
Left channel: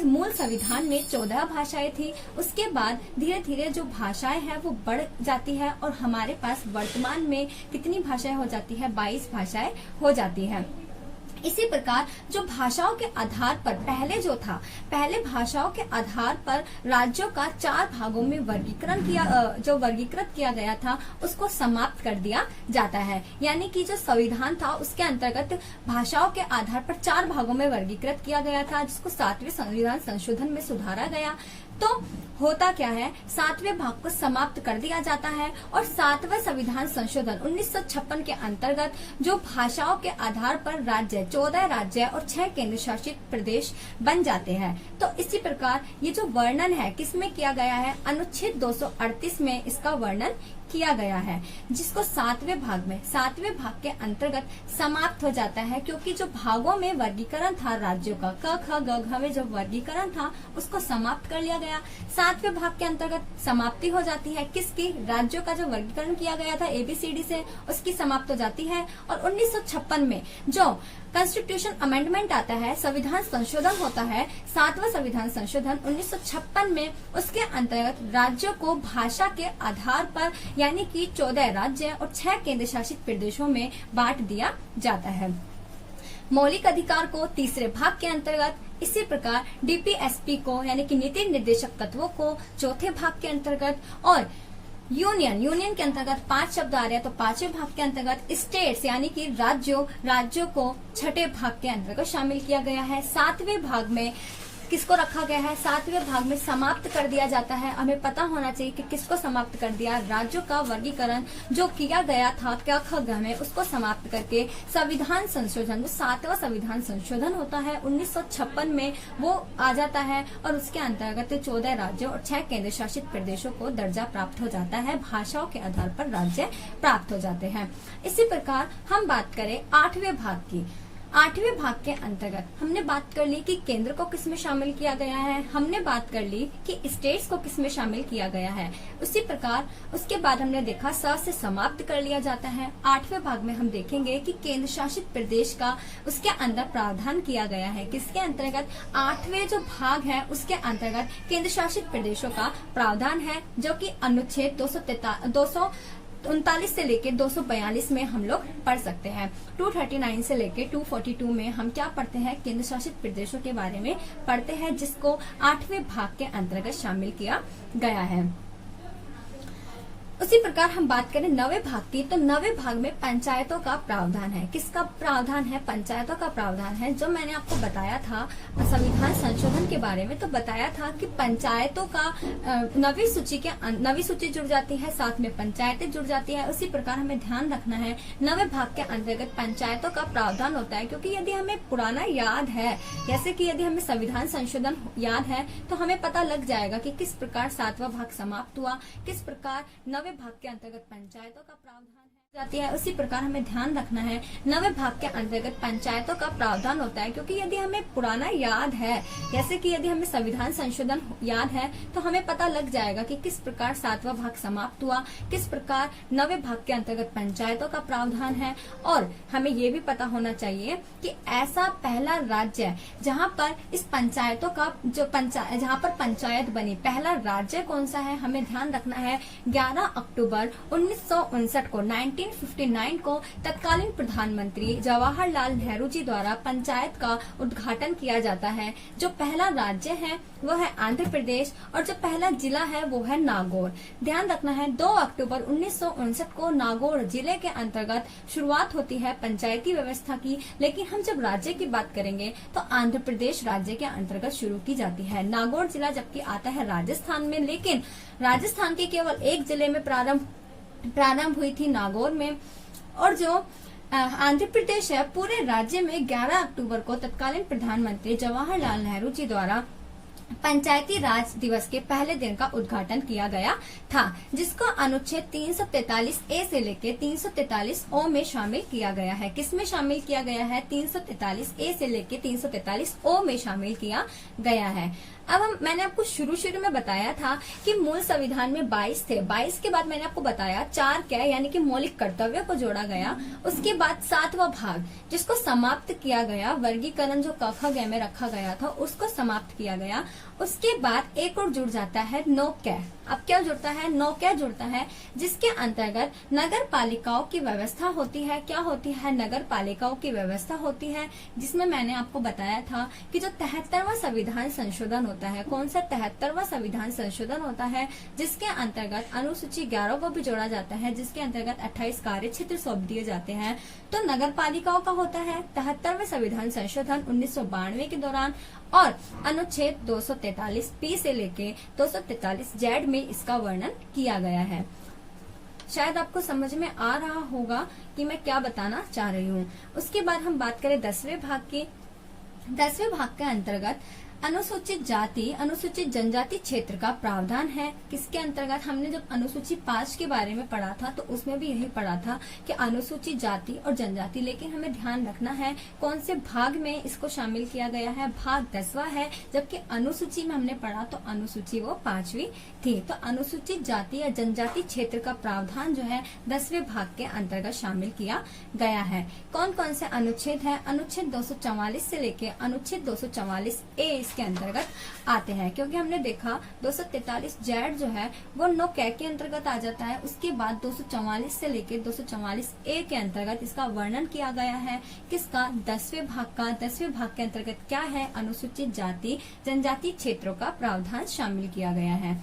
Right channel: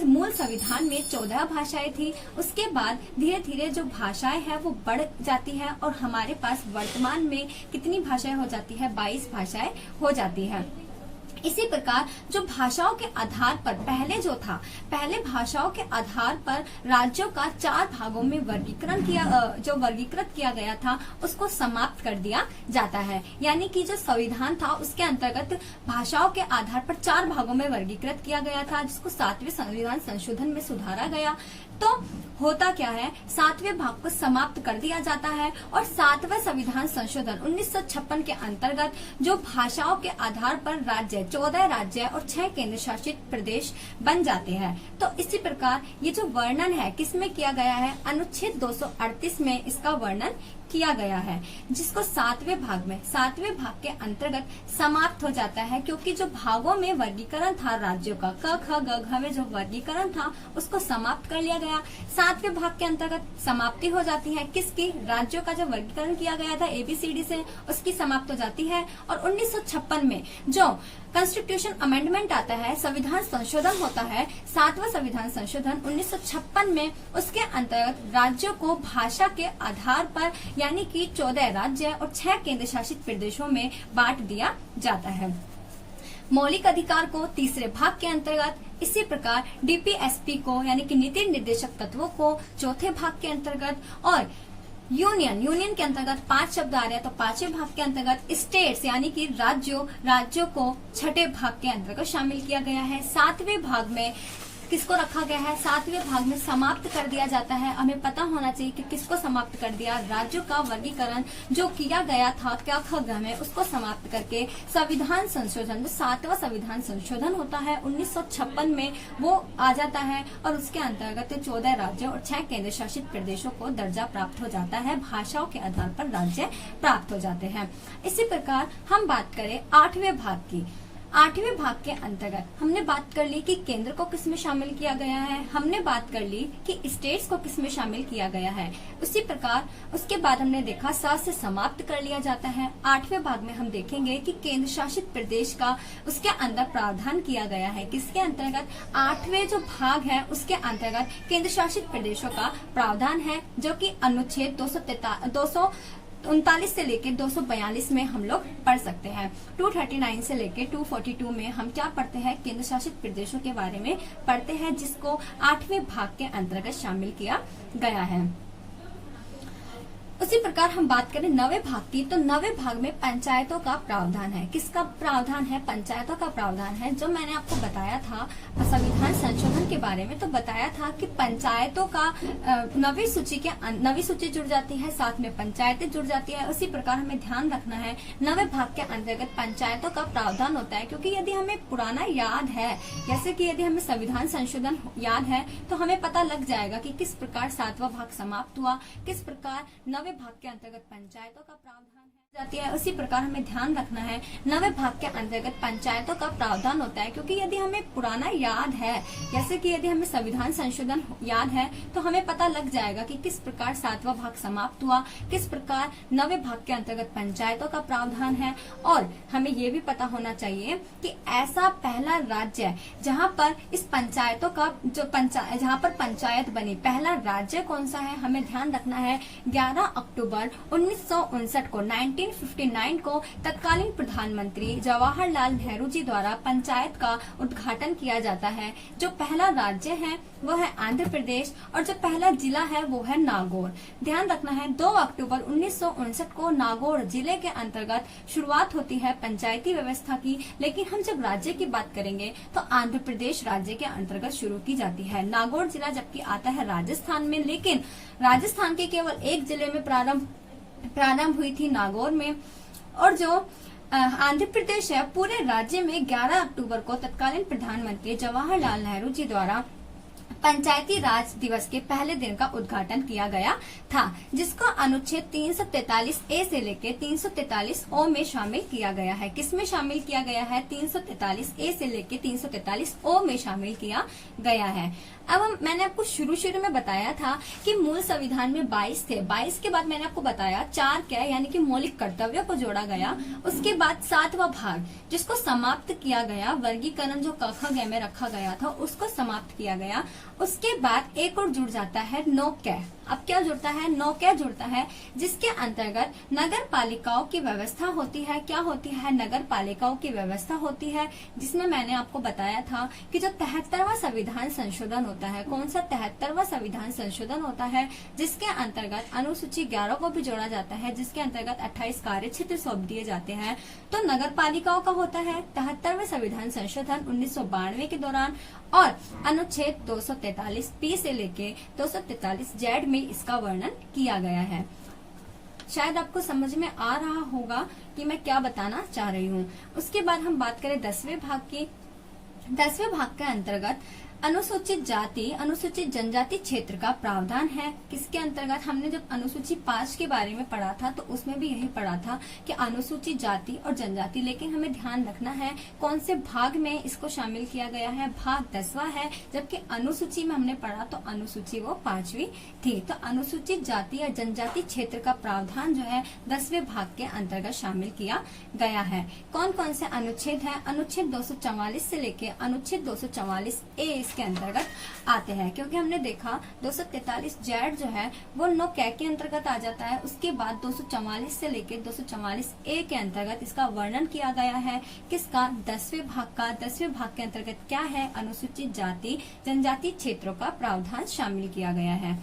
मूल संविधान में 14 भाषाएं थी, उसके बाद धीरे धीरे जो भाषाएं हैं वो बढ़ जाती है और हमारे पास वर्तमान में कितनी भाषाएं हो जाती है? 22 भाषाएं हो जाती है। इसी प्रकार जो भाषाओं के आधार पर पहले जो था, पहले भाषाओं के आधार पर राज्यों का 4 भागों में वर्गीकृत किया गया था, उसको समाप्त कर दिया जाता है। यानी कि जो संविधान था उसके अंतर्गत भाषाओं के आधार पर 4 भागों में वर्गीकृत किया गया था, जिसको 7वें संविधान संशोधन में सुधारा गया। तो होता क्या है? 7वें भाग को समाप्त कर दिया जाता है और 7वें संविधान संशोधन 1956 के अंतर्गत जो भाषाओं के आधार पर राज्य 14 राज्य और 6 केंद्र शासित प्रदेश बन जाते हैं। तो इसी प्रकार ये जो वर्णन है किसमें किया गया है? अनुच्छेद 238 में इसका वर्णन किया गया है, जिसको 7वें भाग के अंतर्गत समाप्त हो जाता है, क्योंकि जो भागों में वर्गीकरण था राज्यों का, क ख ग घ में जो वर्गीकरण था उसको समाप्त कर लिया गया। 7वें भाग के अंतर्गत समाप्ति हो जाती है किसकी? राज्यों का जो वर्गीकरण किया गया था ABCD से, उसकी समाप्त हो जाती है। और 1956 में जो कॉन्स्टिट्यूशन अमेंडमेंट आता है, संविधान संशोधन होता है, 7वां संविधान संशोधन 1956 में, उसके अंतर्गत राज्यों को भाषा के आधार पर यानी कि 14 राज्य और 6 केंद्र शासित प्रदेशों में बांट दिया जाता है। मौलिक अधिकार को 3रे भाग के अंतर्गत, इसी प्रकार DPSP को यानी कि नीति निर्देशक तत्वों को 4थे भाग के अंतर्गत, और यूनियन के अंतर्गत 5 शब्द आ रहे हैं तो 5वें भाग के अंतर्गत, स्टेट्स यानी कि राज्यों को 6ठे भाग के अंतर्गत शामिल किया गया है। 7वें भाग में किसको रखा गया है? 7वें भाग में समाप्त कर दिया जाता है। हमें पता होना चाहिए कि किसको समाप्त कर दिया? राज्यों का वर्गीकरण जो किया गया था क ख ग में, उसको समाप्त करके संविधान संशोधन, जो 7वां संविधान संशोधन होता है 1956 में, वो आ जाता है और उसके अंतर्गत 14 राज्यों और 6 केंद्र शासित प्रदेशों को दर्जा प्राप्त हो जाता है। भाषाओं के आधार पर राज्य प्राप्त हो जाते हैं। इसी प्रकार हम बात करें 8वें भाग की। 8वें भाग के अंतर्गत हमने बात कर ली कि केंद्र को किसमें शामिल किया गया है, हमने बात कर ली कि स्टेट्स को किसमें शामिल किया गया है। उसी प्रकार उसके बाद हमने देखा से समाप्त कर लिया जाता है। 8वें भाग में हम देखेंगे कि केंद्र शासित प्रदेश का उसके अंदर प्रावधान किया गया है। किसके अंतर्गत? 8वें जो भाग है उसके अंतर्गत केंद्र शासित प्रदेशों का प्रावधान है, जो कि अनुच्छेद 239 से लेके 242 में हम लोग पढ़ सकते हैं। 239 से लेके 242 में हम क्या पढ़ते हैं? केंद्र शासित प्रदेशों के बारे में पढ़ते हैं, जिसको 8वें भाग के अंतर्गत शामिल किया गया है। उसी प्रकार हम बात करें 9वें भाग की, तो 9वें भाग में पंचायतों का प्रावधान है। किसका प्रावधान है? पंचायतों का प्रावधान है। जो मैंने आपको बताया था संविधान संशोधन के बारे में, तो बताया था कि पंचायतों का नवी सूची जुड़ जाती है, साथ में पंचायतें जुड़ जाती है। उसी प्रकार हमें ध्यान रखना है 9वें भाग के अंतर्गत पंचायतों का प्रावधान होता है, क्योंकि यदि हमें पुराना याद है, जैसे कि यदि हमें संविधान संशोधन याद है, तो हमें पता लग जाएगा कि किस प्रकार 7वां भाग समाप्त हुआ, किस प्रकार 9वें भाग के अंतर्गत पंचायतों का प्रावधान जाती है। उसी प्रकार हमें ध्यान रखना है 9वें भाग के अंतर्गत पंचायतों का प्रावधान होता है, क्योंकि यदि हमें पुराना याद है, जैसे कि यदि हमें संविधान संशोधन याद है, तो हमें पता लग जाएगा कि किस प्रकार 7वां भाग समाप्त हुआ, किस प्रकार 9वें भाग के अंतर्गत पंचायतों का प्रावधान है। और हमें ये भी पता होना चाहिए कि ऐसा पहला राज्य जहाँ पर इस पंचायतों का जहाँ पर पंचायत बनी, पहला राज्य कौन सा है? हमें ध्यान रखना है 11 अक्टूबर 1959 को 1959 को तत्कालीन प्रधानमंत्री जवाहरलाल नेहरू जी द्वारा पंचायत का उद्घाटन किया जाता है। जो पहला राज्य है वो है आंध्र प्रदेश और जो पहला जिला है वो है नागौर। ध्यान रखना है 2 अक्टूबर 1959 को नागौर जिले के अंतर्गत शुरुआत होती है पंचायती व्यवस्था की। लेकिन हम जब राज्य की बात करेंगे तो आंध्र प्रदेश राज्य के अंतर्गत शुरू की जाती है। नागौर जिला जबकि आता है राजस्थान में, लेकिन राजस्थान के केवल एक जिले में प्रारंभ हुई थी नागौर में। और जो आंध्र प्रदेश है पूरे राज्य में 11 अक्टूबर को तत्कालीन प्रधानमंत्री जवाहरलाल नेहरू जी द्वारा पंचायती राज दिवस के पहले दिन का उद्घाटन किया गया था, जिसको अनुच्छेद 343 ए से लेकर 343 ओ में शामिल किया गया है। किसमें शामिल किया गया है? 343 ए से लेकर 343 ओ में शामिल किया गया है। अब मैंने आपको शुरू में बताया था कि मूल संविधान में 22 थे। 22 के बाद मैंने आपको बताया 4 क्या यानी कि मौलिक कर्तव्यों को जोड़ा गया। उसके बाद 7वां भाग जिसको समाप्त किया गया, वर्गीकरण जो क ख ग में रखा गया था उसको समाप्त किया गया। उसके बाद एक और जुड़ जाता है 9 कै। अब क्या जुड़ता है? 9 कै जुड़ता है, जिसके अंतर्गत नगर पालिकाओं की व्यवस्था होती है। क्या होती है? नगर पालिकाओं की व्यवस्था होती है, जिसमें मैंने आपको बताया था कि जो 73वां संविधान संशोधन होता है, कौन सा 73वां संविधान संशोधन होता है, जिसके अंतर्गत अनुसूची 11 को भी जोड़ा जाता है, जिसके अंतर्गत 28 कार्य क्षेत्र सौंप दिए जाते हैं। तो नगर पालिकाओं का होता है 73वें संविधान संशोधन 1992 के दौरान, और अनुच्छेद 243 पी से लेके 243 जेड में इसका वर्णन किया गया है। शायद आपको समझ में आ रहा होगा कि मैं क्या बताना चाह रही हूँ। उसके बाद हम बात करें 10वें भाग की। 10वें भाग के अंतर्गत अनुसूचित जाति अनुसूचित जनजाति क्षेत्र का प्रावधान है। किसके अंतर्गत? हमने जब अनुसूची 5 के बारे में पढ़ा था तो उसमें भी यही पढ़ा था कि अनुसूचित जाति और जनजाति, लेकिन हमें ध्यान रखना है कौन से भाग में इसको शामिल किया गया है। भाग 10वां है, जबकि अनुसूची में हमने पढ़ा तो अनुसूची वो 5वीं थी। तो अनुसूचित जाति या जनजाति क्षेत्र का प्रावधान जो है 10वें भाग के अंतर्गत शामिल किया गया है। कौन कौन से अनुच्छेद है? अनुच्छेद 244 से लेके अनुच्छेद 244 ए के अंतर्गत आते हैं, क्योंकि हमने देखा 243 जेड जो है वो 9 कै के अंतर्गत आ जाता है। उसके बाद 244 से लेकर 244 ए के अंतर्गत इसका वर्णन किया गया है। किसका? 10वें भाग का। 10वें भाग के अंतर्गत क्या है? अनुसूचित जाति जनजाति क्षेत्रों का प्रावधान शामिल किया गया है।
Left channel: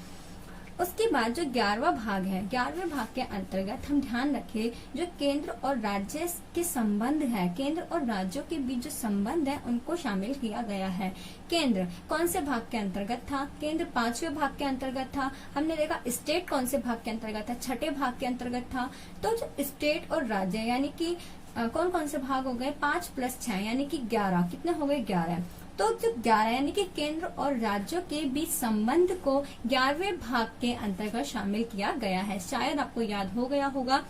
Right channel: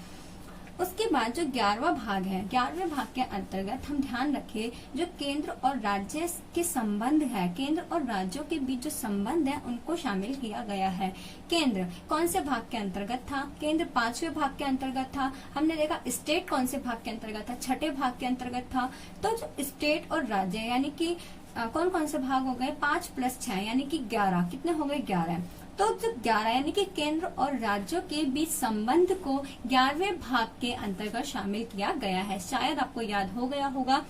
उसके बाद जो 11वां भाग है, 11वें भाग के अंतर्गत हम ध्यान रखें जो केंद्र और राज्य के संबंध है, केंद्र और राज्यों के बीच जो संबंध है उनको शामिल किया गया है। केंद्र कौन से भाग के अंतर्गत था? केंद्र 5वें भाग के अंतर्गत था। हमने देखा स्टेट कौन से भाग के अंतर्गत था? 6ठे भाग के अंतर्गत था। तो जो स्टेट और राज्य यानी कि कौन कौन से भाग हो गए? 5 + 6 यानी कि 11। कितने हो गए? 11। तो जो 11 यानी कि केंद्र और राज्यों के बीच संबंध को 11वें भाग के अंतर्गत शामिल किया गया है। शायद आपको याद हो गया होगा।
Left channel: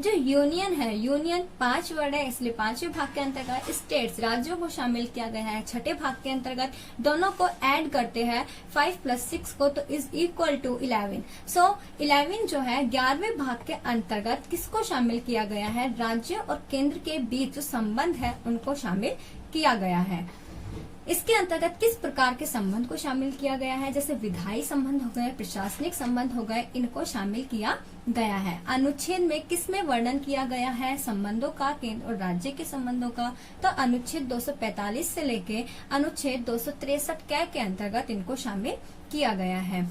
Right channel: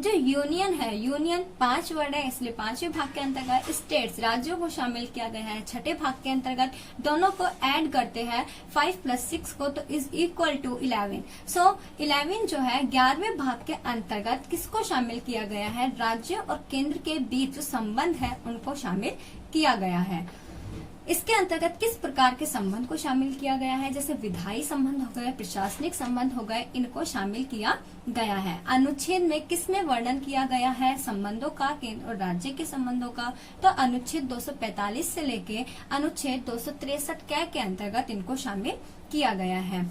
जो यूनियन है, यूनियन 5 वर्ड है इसलिए 5वें भाग के अंतर्गत। स्टेट्स राज्यों को शामिल किया गया है 6ठे भाग के अंतर्गत। दोनों को ऐड करते हैं 5 + 6 को तो इज इक्वल टू 11। सो 11 जो है 11वें भाग के अंतर्गत किसको शामिल किया गया है? राज्य और केंद्र के बीच जो संबंध है उनको शामिल किया गया है। इसके अंतर्गत किस प्रकार के संबंध को शामिल किया गया है? जैसे विधायी संबंध हो गए, प्रशासनिक संबंध हो गए, इनको शामिल किया गया है। अनुच्छेद में किसमें वर्णन किया गया है संबंधों का? केंद्र और राज्य के संबंधों का। तो अनुच्छेद 245 से लेके अनुच्छेद 263 के अंतर्गत इनको शामिल किया गया है।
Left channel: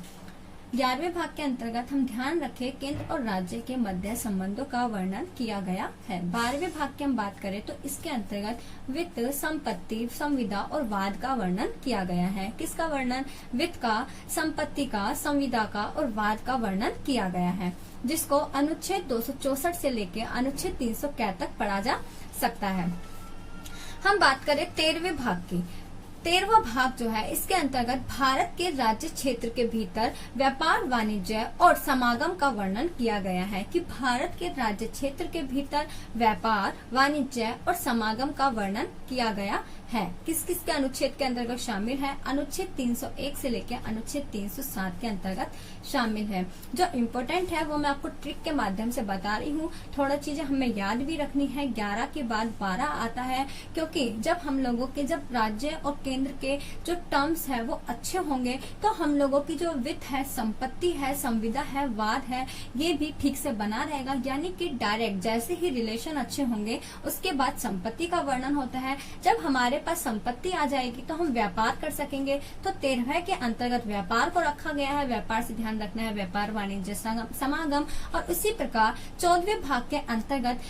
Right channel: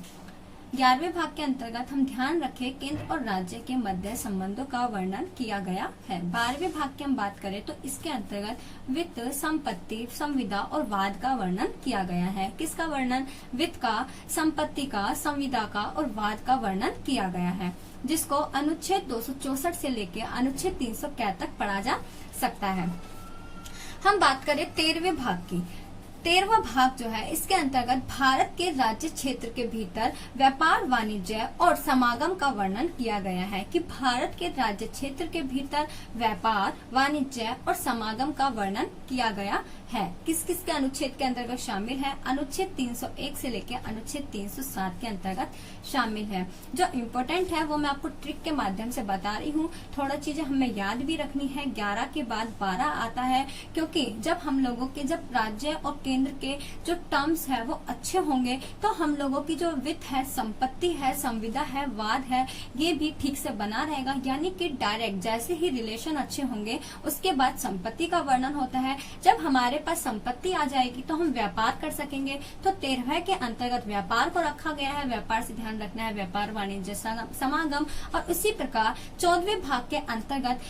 11वें भाग के अंतर्गत हम ध्यान रखें केंद्र और राज्य के मध्य संबंधों का वर्णन किया गया है। 12वें भाग की हम बात करें तो इसके अंतर्गत वित्त, संपत्ति, संविदा और वाद का वर्णन किया गया है। किसका वर्णन? वित्त का, संपत्ति का, संविदा का और वाद का वर्णन किया गया है, जिसको अनुच्छेद 264 से लेकर अनुच्छेद 300 तक पढ़ा जा सकता है। हम बात करें 13वें भाग की। 13वां भाग जो है इसके अंतर्गत भारत के राज्य क्षेत्र के भीतर व्यापार, वाणिज्य और समागम का वर्णन किया गया है कि भारत के राज्य क्षेत्र के भीतर व्यापार, वाणिज्य और समागम का वर्णन किया गया है। किस किस के अनुच्छेद के अंतर्गत शामिल है? अनुच्छेद 301 से लेकर अनुच्छेद 307 के अंतर्गत शामिल है। जो इम्पोर्टेंट है वो मैं आपको ट्रिक के माध्यम से बता रही हूँ। थोड़ा चीजें हमें याद भी रखनी है। 11 के बाद 12 आता है, क्योंकि जब हम लोगों के जब राज्य और केंद्र के जो टर्म्स है वो अच्छे होंगे तो हम लोगों की जो वित्त है, संपत्ति है, संविदा है, वाद है, ये भी ठीक से बना रहेगा। यानी कि डायरेक्ट जैसे ही रिलेशन अच्छे होंगे उसके बाद संपत्ति का वर्णन होता है। जब हमारे पास संपत्ति आ जाएगी तो हम व्यापार कर सकेंगे। तो 13 के अंतर्गत व्यापार को रखा गया है। व्यापार से ध्यान रखना है व्यापार, वाणिज्य, समागम। और उसी प्रकार 14वें भाग के अंतर्गत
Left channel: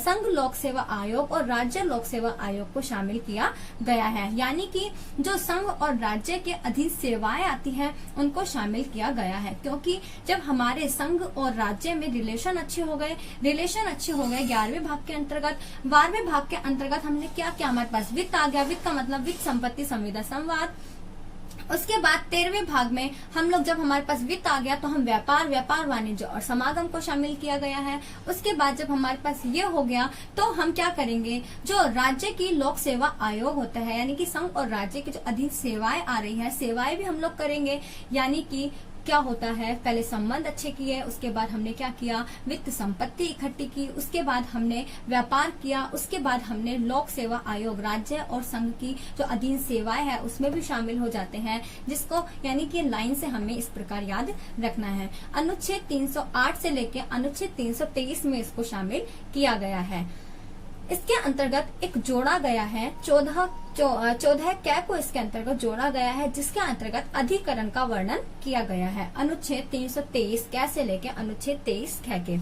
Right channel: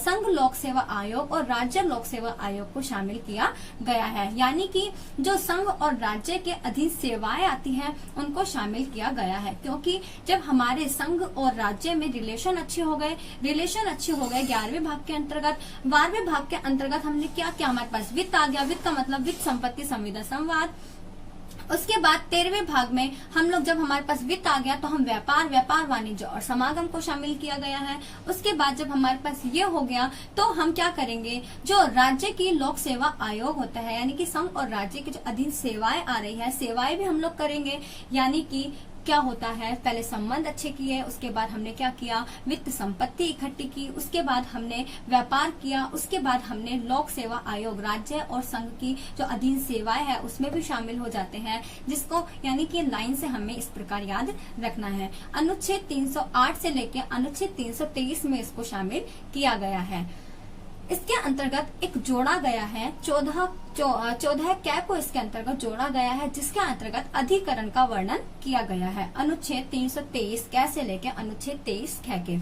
संघ लोक सेवा आयोग और राज्य लोक सेवा आयोग को शामिल किया गया है। यानी कि जो संघ और राज्य के अधीन सेवाएं आती हैं उनको शामिल किया गया है, क्योंकि जब हमारे संघ और राज्य में रिलेशन अच्छे हो गए 11वें भाग के अंतर्गत। 12वें भाग के अंतर्गत हमने क्या किया, हमारे पास वित्त आ गया। वित्त का मतलब वित्त, संपत्ति, संविदा, संवाद। उसके बाद 13वें भाग में हम लोग जब हमारे पास वित्त आ गया तो हम व्यापार, वाणिज्य और समागम को शामिल किया गया है। उसके बाद जब हमारे पास ये हो गया तो हम क्या करेंगे, जो राज्य की लोक सेवा आयोग होता है, यानी कि संघ और राज्य की जो अधीन सेवाएं आ रही है, सेवाएं भी हम लोग करेंगे। यानी कि क्या होता है, पहले संबंध अच्छे किए, उसके बाद हमने क्या किया, वित्त संपत्ति इकट्ठी की, उसके बाद हमने व्यापार किया, उसके बाद हमने लोक सेवा आयोग, राज्य और संघ की जो अधीन सेवाएं है उसमें भी शामिल हो जाते हैं, जिसको यानी कि लाइन से हमें इस प्रकार याद रखना है। अनुच्छेद 308 से लेकर अनुच्छेद 323 में इसको शामिल किया गया है। इसके अंतर्गत एक जोड़ा गया है 14 कै को इसके अंतर्गत जोड़ा गया है, जिसके अंतर्गत अधिकरण का वर्णन किया गया है। अनुच्छेद 323 कै से लेकर अनुच्छेद 23 कै के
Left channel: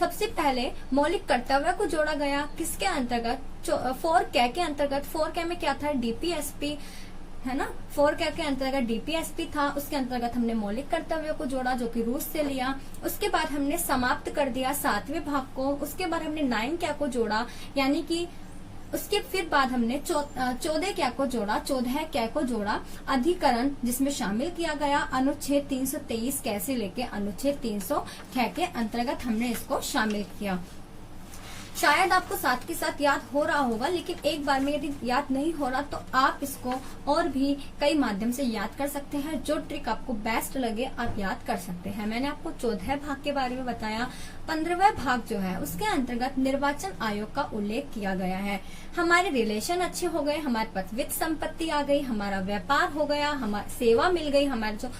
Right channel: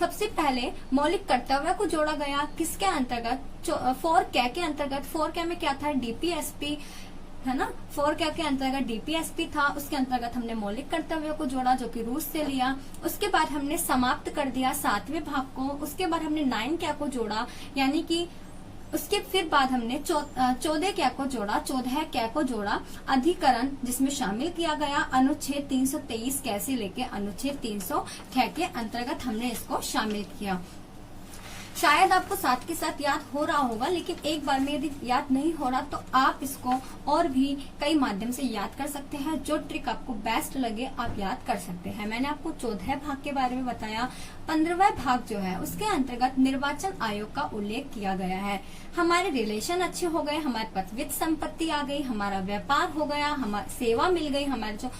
सबसे पहले मौलिक कर्तव्य को जोड़ा गया। किसके अंतर्गत, 4 कै के अंतर्गत। 4 कै में क्या था, डीपीएसपी है ना। 4 कै के अंतर्गत डीपीएसपी था, उसके अंतर्गत हमने मौलिक कर्तव्य को जोड़ा जो कि रूस से लिया। उसके बाद हमने समाप्त कर दिया 7वें भाग को। उसके बाद हमने 9 कै को जोड़ा, यानी कि उसके फिर बाद हमने 14 कै को जोड़ा, 14 कै को जोड़ा अधिकरण, जिसमें शामिल किया गया अनुच्छेद 323 कै से लेके अनुच्छेद 300 कै के अंतर्गत हमने इसको शामिल किया। शायद आपको साथ के साथ याद हो रहा होगा, लेकिन एक बार में यदि याद नहीं हो रहा तो आप इसको और भी कई माध्यम से याद कर सकते हैं। जो ट्रिक आपको बेस्ट लगे आप याद कर सकते हैं। मैंने आपको 14 भाग के बारे में बताया। 15वां भाग जो है उसके अंतर्गत निर्वाचन आयोग का उल्लेख किया गया है। हमारे रिलेशन अच्छे हो गए, हमारे पास वित्त संपत्ति आ गई, हमारा व्यापार हो गया, हमारी सेवा मिल गई, हमारे जो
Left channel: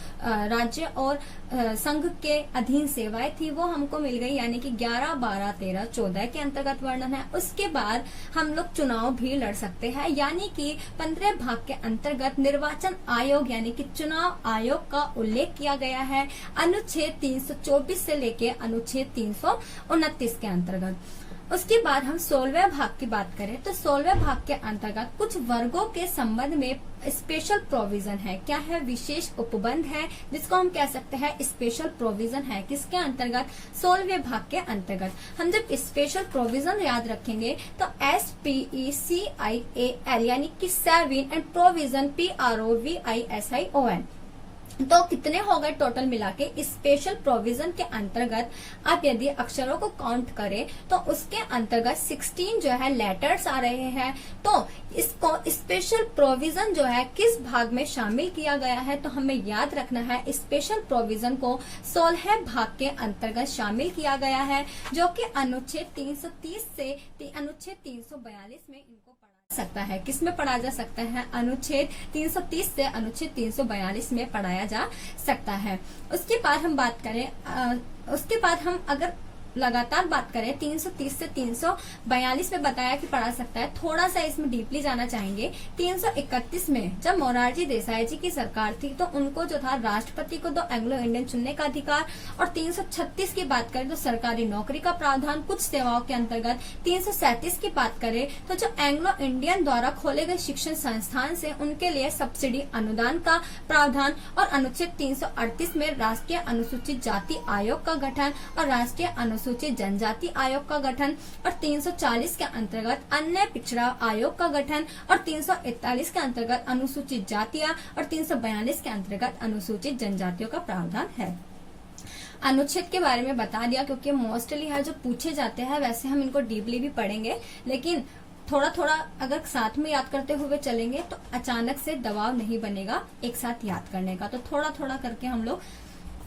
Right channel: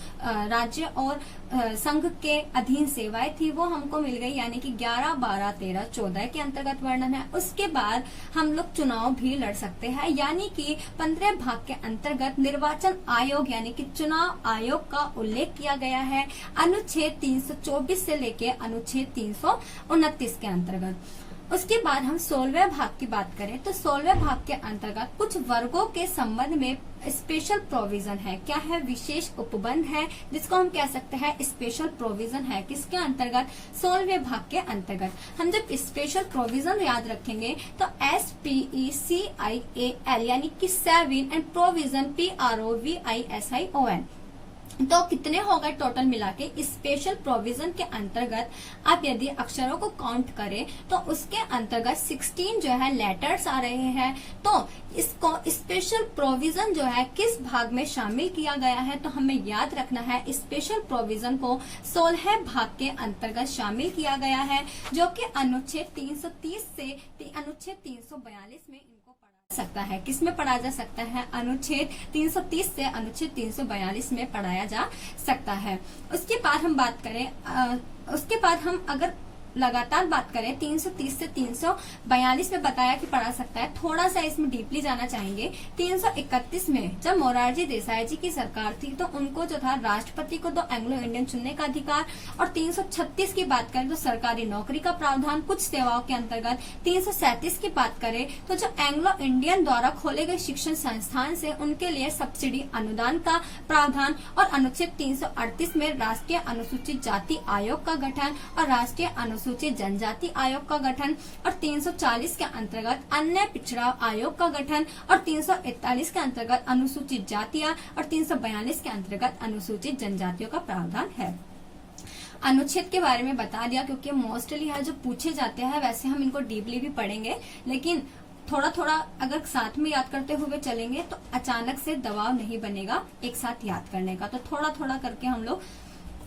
राज्य और संघ के अधीन सेवाएं थी वो हमको मिल गई, यानी कि 11, 12, 13, 14 के अंतर्गत वर्णन है। उसके बाद हम लोग चुनाव भी लड़ सकते हैं, यानी कि 15 भाग के अंतर्गत निर्वाचन आयोग यानी कि चुनाव आयोग का उल्लेख किया गया है अनुच्छेद 324 से लेके अनुच्छेद 329 के अंतर्गत। उसके बाद हम 16वें भाग की बात करें तो 16वें भाग के अंतर्गत कुछ वर्गों के संबंध में स्पेशल प्रोविजन है। क्या है, विशेष उपबंध है, जिसको हम कह सकते हैं स्पेशल प्रोविजन है। किसके अंतर्गत, 16वें भाग के अंतर्गत। हम जब स्पेशल प्रोविजन याद रखेंगे तो SPECIAL यानी कि 7 एंड प्रोविजन PROVISION, तो कितने हो गए टोटल मिला के। स्पेशल प्रोविजन के अंतर्गत आप यदि अक्षरों को काउंट करें तो उसके अंतर्गत 16 जो है लेटर्स आ रहे हैं। तो इसको स्पेशल प्रोविजन जो है किस भाग में शामिल किया गया है, तो हमें याद रखना है स्पेशल प्रोविजन को 16 भाग के अंतर्गत शामिल किया गया है, जो कि अनुच्छेद 330 से अनुच्छेद 342 में इनको सकता है। किसमें पढ़ा जा सकता है, अनुच्छेद 330 से अनुच्छेद 342 में पढ़ाया जा सकता है। उसके बाद हम बात करें, उसके बाद हम अगर लगातार बात करें 330 से 342 में बताया कि पढ़ा सकता है। थोड़ा सा इसमें डीपली जाना चाहेंगे। 331 में जब मोरारजी देसाई जी की सरकार थी तो उनको जो था राष्ट्रपति को 2 एंग्लो इंडियन चुनने का अधिकार, और 336 की बात करें तो सरकारी नौकरी का प्रावधान कुछ सेवाओं के अंतर्गत। 337 की बात करें तो जो एंग्लो इंडियन द्वारा खोले गए शिक्षण संस्थान से उनके लिए सब्सिडी अनुदान का प्रावधान, और अनुच्छेद 338 में राष्ट्रीय अनुसूचित जाति आयोग का गठन और राष्ट्रीय अनुसूचित जनजाति आयोग का गठन, और 340 के अंतर्गत अन्य पिछड़ा आयोग का गठन, और 341 के अंतर्गत अनुसूचित जातियां, और 342 के अंतर्गत अनुसूचित जनजातियों का प्रावधान है। अनुच्छेद के बारे में बता दिया क्योंकि मोस्टली है जो पूछे जाते हैं, वैसे हम इनको डीपली भी पढ़ेंगे, लेकिन थोड़ा थोड़ा अगर साथ में याद करते हुए चलेंगे तो अचानक से दबाव नहीं बनेगा एक साथ याद करने का। तो थोड़ा थोड़ा करके हम लोग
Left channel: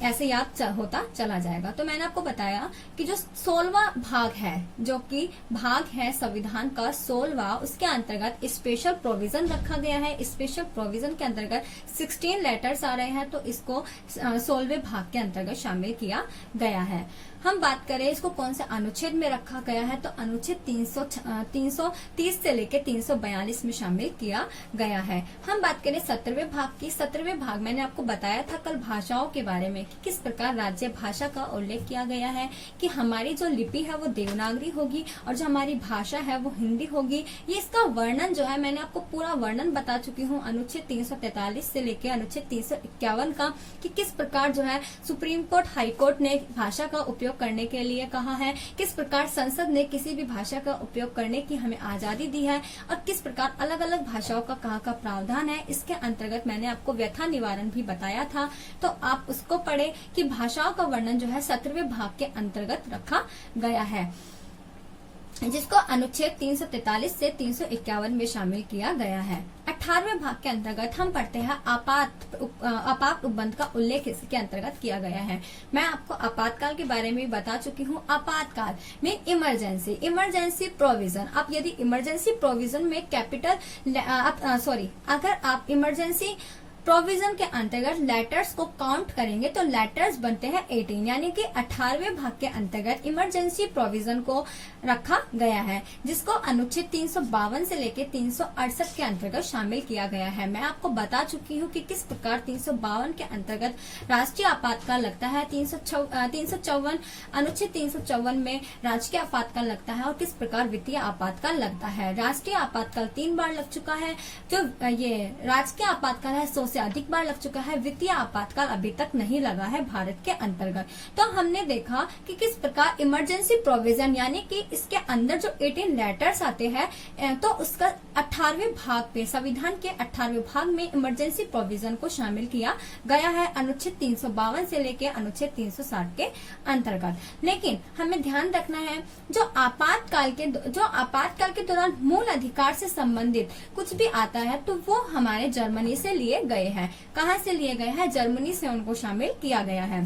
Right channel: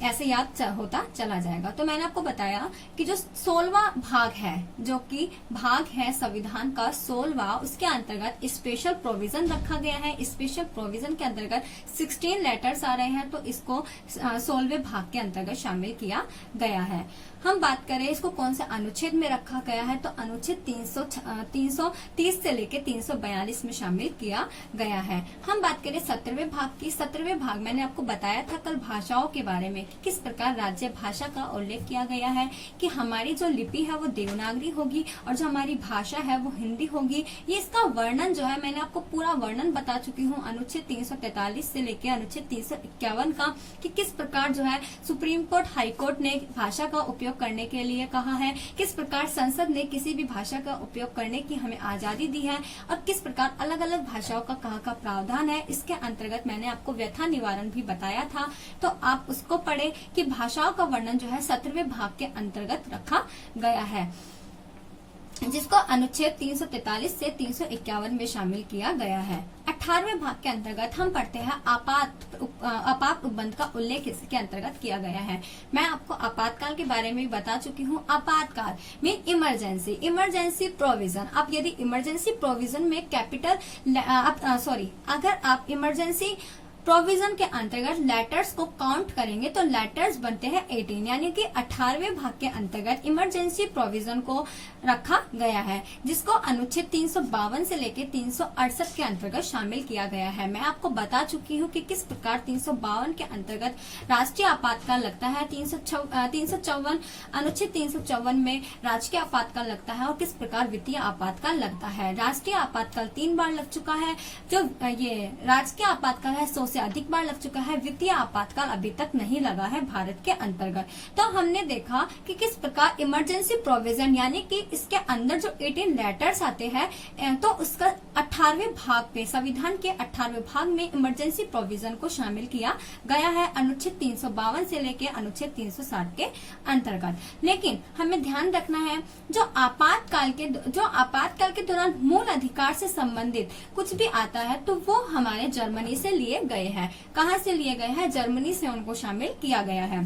ऐसे याद होता चला जाएगा। तो मैंने आपको बताया कि जो 16वां भाग है, जो कि भाग है संविधान का 16वां, उसके अंतर्गत स्पेशल प्रोविजन रखा गया है। स्पेशल प्रोविजन के अंतर्गत 16 लेटर्स आ रहे हैं, तो इसको 16वें भाग के अंतर्गत शामिल किया गया है। हम बात करें इसको कौन से अनुच्छेद में रखा गया है, तो अनुच्छेद 330 से लेकर 342 में शामिल किया गया है। हम बात करें 17वें भाग की। 17वें भाग मैंने आपको बताया था कल भाषाओं के बारे में कि किस प्रकार राज्य भाषा का उल्लेख किया गया है, कि हमारी जो लिपि है वो देवनागरी होगी और जो हमारी भाषा है वो हिंदी होगी। ये इसका वर्णन जो है मैंने आपको पूरा वर्णन बता चुकी हूँ अनुच्छेद 343 से लेकर अनुच्छेद 351 का, कि किस प्रकार जो है सुप्रीम कोर्ट, हाई कोर्ट ने भाषा का उपयोग करने के लिए कहा है, किस प्रकार संसद ने किसी भी भाषा का उपयोग करने की हमें आजादी दी है, और किस प्रकार अलग अलग भाषाओं का कहाँ का प्रावधान है। इसके अंतर्गत मैंने आपको व्यथा निवारण भी बताया था, तो आप उसको पढ़े कि भाषाओं का वर्णन जो है 17वें भाग के अंतर्गत रखा गया है, जिसको अनुच्छेद 343 से 351 में शामिल किया गया है। 18वें भाग के अंतर्गत हम पढ़ते हैं आपात उपबंध का उल्लेख इसके अंतर्गत किया गया है। मैं आपको आपातकाल के बारे में बता चुकी हूँ। आपातकाल मीन इमरजेंसी प्रोविजन। आप यदि इमरजेंसी प्रोविजन में अगर आप इमरजेंसी प्रोविजन के अंतर्गत लेटर्स को काउंट करेंगे तो लेटर्स बनते हैं 18, यानी कि 18वें भाग के अंतर्गत इमरजेंसी प्रोविजन को रखा गया है, जिसको अनुच्छेद 352 से लेकर 368 के अंतर्गत शामिल किया गया है। मैं आपको बता चुकी हूँ कि किस प्रकार 352 के अंतर्गत राष्ट्रीय आपातकाल लगता है, 354 अनुच्छेद 354 में राजकीय आपातकाल लगता है, और किस प्रकार वित्तीय आपातकाल लगता है। राष्ट्रीय आपातकाल 3 बार लग चुका है, जो ये राजकीय आपातकाल है 100 से अधिक बार लग चुका है। वित्तीय आपातकाल अभी तक नहीं लगा है भारत के अंतर्गत। तो हमने देखा कि किस प्रकार इमरजेंसी प्रोविजन, यानी कि इसके अंदर जो 18 लेटर्स आते हैं, तो उसका 18वें भाग पे, संविधान के 18वें भाग में इमरजेंसी प्रोविजन को शामिल किया गया है अनुच्छेद 352 से लेकर अनुच्छेद 360 के अंतर्गत। लेकिन हमें ध्यान रखना है जो आपातकाल के दौरान मूल अधिकार से संबंधित कुछ भी आता है तो वो हमारे जर्मनी से लिए गए हैं। कहाँ से लिए गए हैं? जर्मनी से उनको शामिल किया गया है।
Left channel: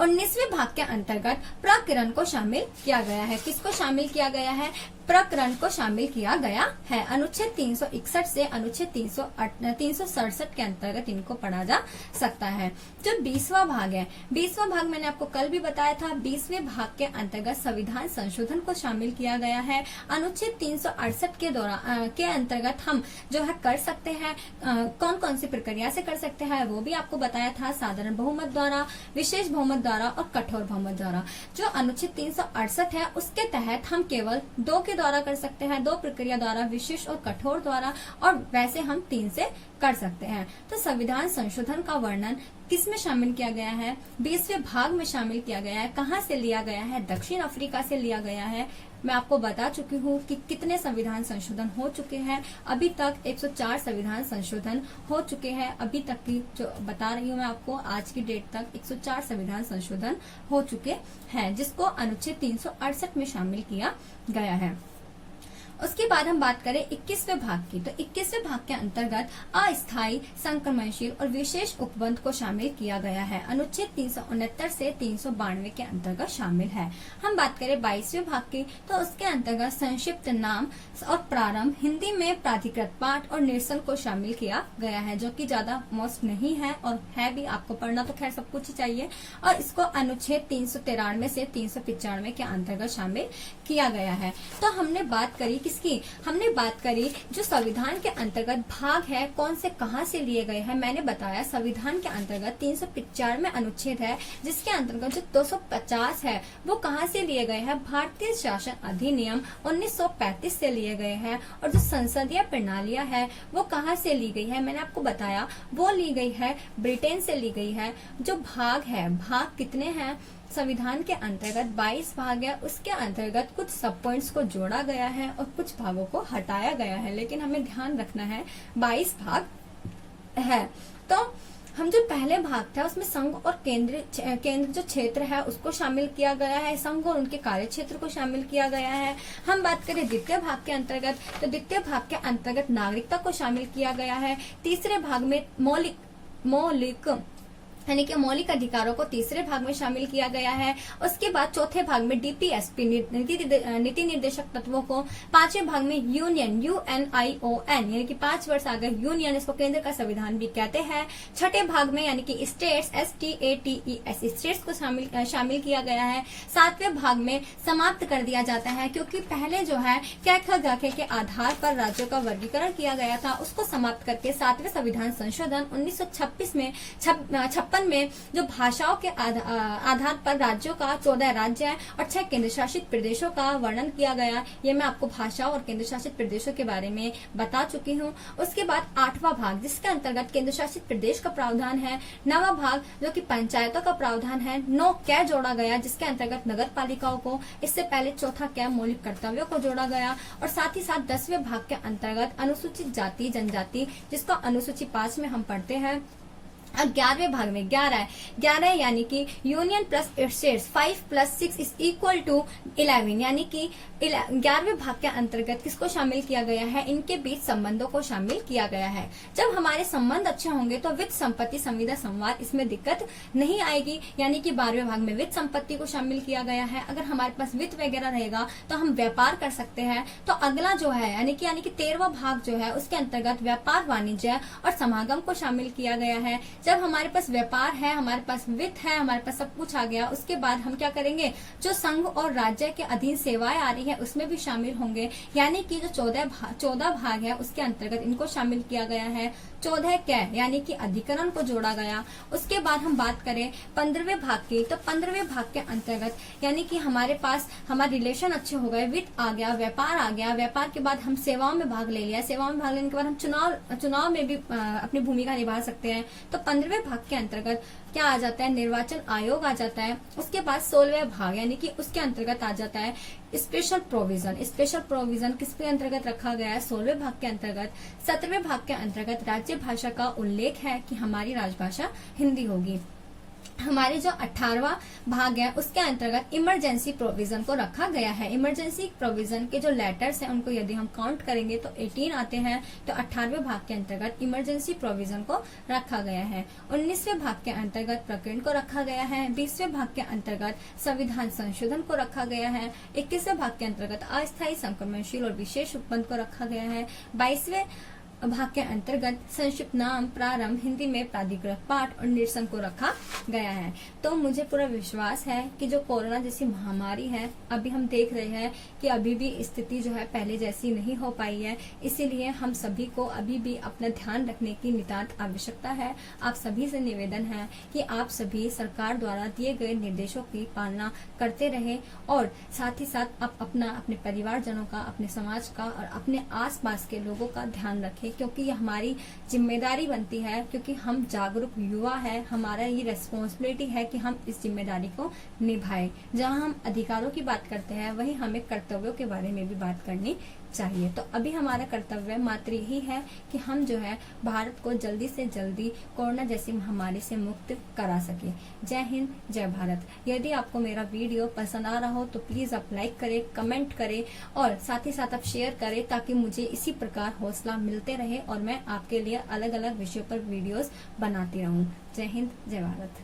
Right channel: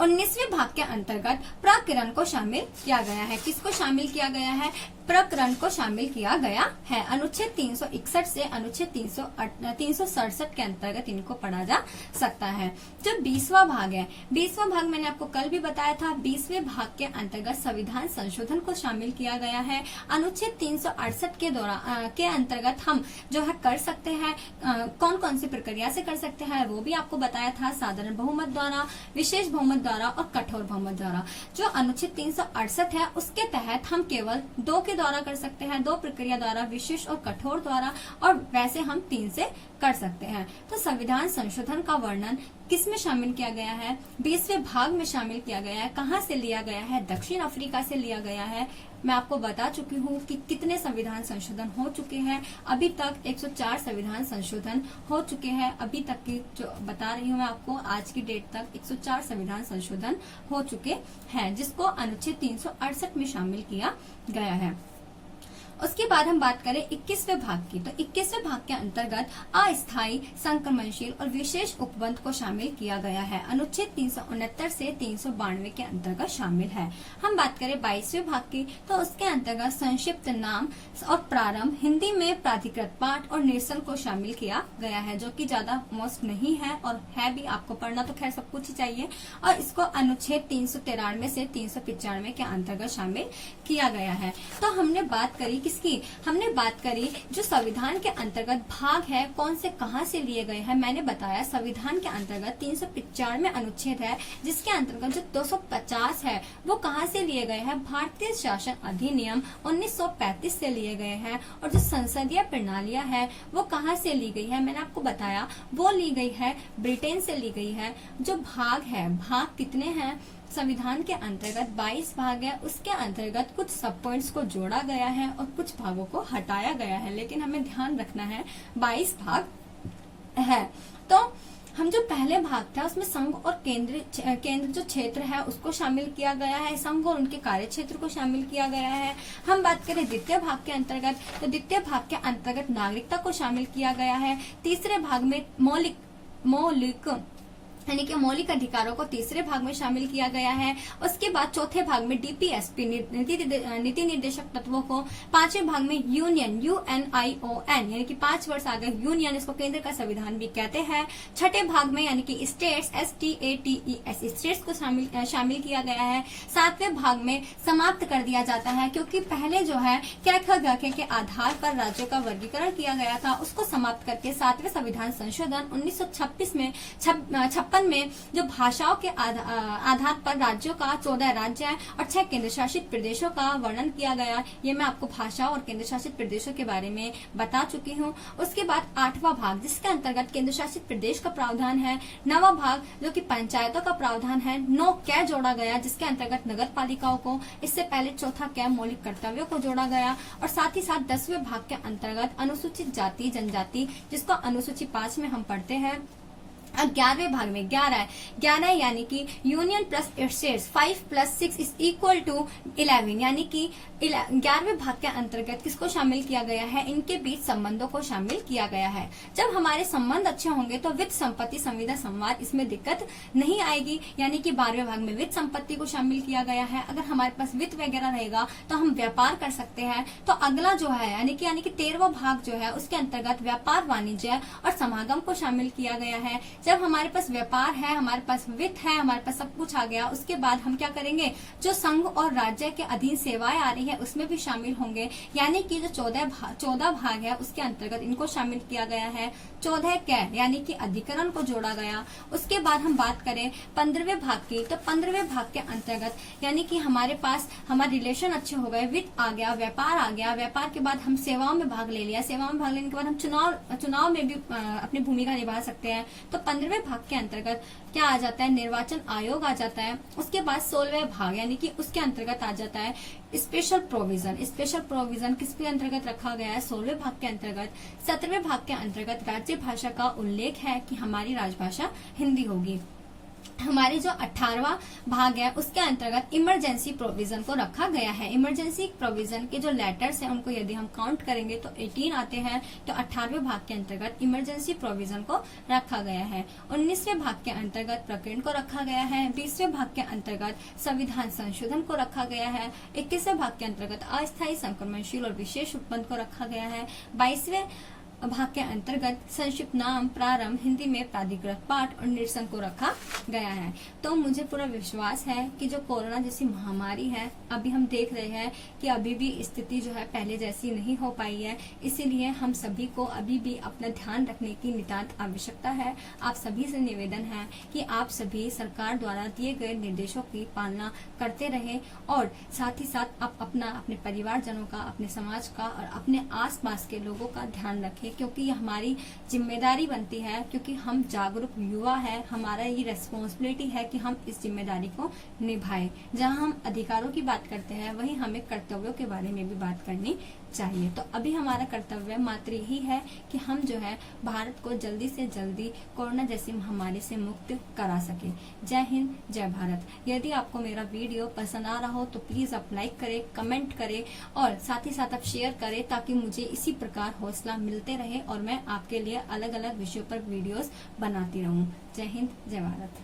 19वें भाग के अंतर्गत प्रकरण को शामिल किया गया है। किसको शामिल किया गया है? प्रकरण को शामिल किया गया है। अनुच्छेद 361 से अनुच्छेद 367 के अंतर्गत इनको पढ़ा जा सकता है। जो 20वां भाग है, 20वां भाग मैंने आपको कल भी बताया था। 20वें भाग के अंतर्गत संविधान संशोधन को शामिल किया गया है। अनुच्छेद 368 के दौरान के अंतर्गत हम जो है कर सकते हैं, कौन कौन सी प्रक्रिया से कर सकते हैं वो भी आपको बताया था। साधारण बहुमत द्वारा, विशेष बहुमत द्वारा और कठोर बहुमत द्वारा। जो अनुच्छेद 368 है उसके तहत हम केवल 2 के द्वारा कर सकते हैं, 2 प्रक्रिया द्वारा, विशेष और कठोर द्वारा, और वैसे हम 3 से कर सकते हैं। तो संविधान संशोधन का वर्णन किस में शामिल किया गया है? 20वें भाग में शामिल किया गया है। कहाँ से लिया गया है? दक्षिण अफ्रीका से लिया गया है। मैं आपको बता चुकी हूँ कि कितने संविधान संशोधन हो चुके हैं। अभी तक 104 संविधान संशोधन हो चुके हैं। अभी तक की जो बता रही हूँ मैं आपको, आज की डेट तक 104 संविधान संशोधन हो चुके हैं, जिसको अनुच्छेद 368 में शामिल किया गया है। उसके बाद हम बात करें 21वें भाग की, तो 21वें भाग के अंतर्गत अस्थायी, संक्रमणशील और विशेष उपबंध को शामिल किया गया है। अनुच्छेद 369 से 392 के अंतर्गत शामिल है। हम बात करें 22वें भाग की, तो उसके अंतर्गत संक्षिप्त नाम और प्रारंभ, हिंदी में प्राधिकृत पाठ और निरसन को शामिल किया गया है, जो कि ज्यादा मोस्ट नहीं है और है भी। आपको पढ़ना तो खैर सब कुछ ही चाहिए। और इसको अनुच्छेद 393 से 395 के अंतर्गत शामिल किया गया है। तो हमने बात करी हमने बात करी जो संविधान के अंतर्गत भाग है, कौन से कहां से लिए गए हैं। मैंने बताया संविधान के अंतर्गत 395 अनुच्छेद है, जिसके अंतर्गत जो 250 है वो कहां से लिए गए हैं? भारतीय शासन अधिनियम 1935 से लिए गए हैं। और जो संसदीय प्रणालियां है वो कहां से ली गई है? मैंने आपको बताया वो ली गई है ब्रिटेन से ली गई है। जो भाग है, भाग कितने हैं? संविधान के अंतर्गत 22 भाग है। उसके अंतर्गत कुछ सब पॉइंट्स को जोड़ा गया है और कुछ भागों को हटाया गया है, लेकिन हमें ध्यान रखना है 22 भाग है। तो हम जो पहले भाग था उसमें संघ और केंद्र जो क्षेत्र है उसको शामिल किया गया है, संघ और उनके कार्य क्षेत्र को शामिल किया गया है। हम बात करें द्वितीय भाग के अंतर्गत, तो द्वितीय भाग के अंतर्गत नागरिकता को शामिल किया गया है। तीसरे भाग में मौलिक यानी कि मौलिक अधिकारों को तीसरे भाग में शामिल किया गया है। उसके बाद चौथे भाग में डीपीएसपी नीति निर्देशक तत्वों को, पांचवें भाग में यूनियन UNION यानी कि 5 वर्ष आगे यूनियन, इसको केंद्र का संविधान भी कहते हैं। छठे भाग में यानी कि स्टेट्स STATES स्टेट्स को शामिल किया गया है। सातवें भाग में समाप्त कर दिया जाता है, क्योंकि पहले जो है क ख ग घ के आधार पर राज्यों का वर्गीकरण किया गया था, उसको समाप्त करके 7वें संविधान संशोधन 1956 में जो भाषाओं के आधार पर राज्यों का 14 राज्य और 6 केंद्र शासित प्रदेशों का वर्णन किया गया। ये मैं आपको भाषाओं और केंद्र शासित प्रदेशों के बारे में बता चुकी हूँ। उसके बाद 8वां भाग जिसके अंतर्गत केंद्र शासित प्रदेश का प्रावधान है। 9वां भाग जो कि पंचायतों का प्रावधान है। 9 कै जोड़ा गया जिसके अंतर्गत नगर पालिकाओं को, इससे पहले चौथा कै मौलिक कर्तव्यों को जोड़ा गया। और साथ ही साथ 10वें भाग के अंतर्गत अनुसूचित जाति जनजाति, जिसको अनुसूची 5 में हम पढ़ते हैं। अब 11वें भाग में 11 यानी कि यूनियन प्लस स्टेट्स 5 + 6 = 11 यानी कि 11वें भाग के अंतर्गत किसको शामिल किया गया है, इनके बीच संबंधों को शामिल किया गया है। जब हमारे संबंध अच्छे होंगे तो वित्त संपत्ति संविदा संवाद इसमें दिक्कत नहीं आएगी, यानी कि 12वें भाग में वित्त संपत्ति को शामिल किया गया है। अगर हमारे पास वित्त वगैरह रहेगा तो हम व्यापार कर सकते हैं। तो अगला जो है यानी कि 13वां भाग जो है उसके अंतर्गत व्यापार वाणिज्य और समागम को शामिल किया गया है। जब हमारे पास व्यापार है, हमारे पास वित्त है, हमारे पास सब कुछ आ गया, उसके बाद हम क्या करेंगे, जो संघ और राज्य के अधीन सेवाएं आ रही है उसमें भी शामिल होंगे, यानी कि जो 14 भाग है उसके अंतर्गत इनको शामिल किया गया है। 14 कै यानी कि अधिकरण को जोड़ा गया। उसके बाद हम बात करें 15वें भाग की, तो 15वें भाग के अंतर्गत यानी कि हमारे पास हमारे रिलेशन अच्छे हो गए, वित्त आ गया, व्यापार आ गया, व्यापार के बाद हम सेवाओं में भाग ले लिया, सेवाओं में भाग लेने के बाद हम चुनाव में भी अपनी भूमिका निभा सकते हैं। तो 15वें भाग के अंतर्गत क्या आ जाता है, निर्वाचन आयोग आ जाता है। उसके बाद 16वें भाग यानी कि उसके अंतर्गत आ जाता है स्पेशल प्रोविजन किसके अंतर्गत रखा गया है, 16वें भाग के अंतर्गत। 17वें भाग के अंतर्गत राज्य भाषा का उल्लेख है कि हमारी राजभाषा हिंदी होगी। हमारे जो 18वां भाग है उसके अंतर्गत इमरजेंसी प्रोविजन को रखा गया है। इमरजेंसी प्रोविजन के जो लेटर्स हैं उनको यदि हम काउंट करेंगे तो 18 आते हैं। तो 18वें भाग के अंतर्गत इमरजेंसी प्रोविजन को रखा गया है। 19वें भाग के अंतर्गत प्रकरण को रखा गया है। 20वें भाग के अंतर्गत संविधान संशोधन को रखा गया है। 21वें भाग के अंतर्गत अस्थायी संक्रमणशील और विशेष उपबंध को रखा गया है। 22वें भाग के अंतर्गत संक्षिप्त नाम, प्रारंभ, हिंदी में प्राधिकृत पाठ और निरसन को रखा गया है। तो मुझे पूरा विश्वास है कि जो कोरोना जैसी महामारी है, अभी हम देख रहे हैं कि अभी भी स्थिति जो है पहले जैसी नहीं हो पाई है, इसीलिए हम सभी को अभी भी अपना ध्यान रखने की नितांत आवश्यकता है। आप सभी से निवेदन है कि आप सभी सरकार द्वारा दिए गए निर्देशों की पालना करते रहे और साथ ही साथ आप अपने परिवारजनों का, अपने समाज का और अपने आसपास के लोगों का ध्यान रखें, क्योंकि ये हमारी जिम्मेदारी बनती है, क्योंकि हम जागरूक युवा है, हमारा ये रेस्पॉन्सिबिलिटी है कि हम इस जिम्मेदारी को निभाएं। जहां हम अधिकारों की बात करते हैं वहीं हमें कर्तव्यों के बारे में भी बात करनी चाहिए। तो अभी हमारा कर्तव्य मात्र यही है कि हम जो है भारत को जल्दी से जल्दी कोरोना जैसी महामारी से मुक्त करा सके। जय हिंद, जय भारत। यदि आपको मेरा वीडियो पसंद आ रहा हो तो प्लीज आप लाइक करें, कमेंट करें और साथ ही साथ आप शेयर करें, ताकि मुझे इसी प्रकार हौसला मिलते रहे और मैं आपके लिए अलग अलग विषयों पर वीडियोस बनाती रहूं। जय हिंद, जय भारत।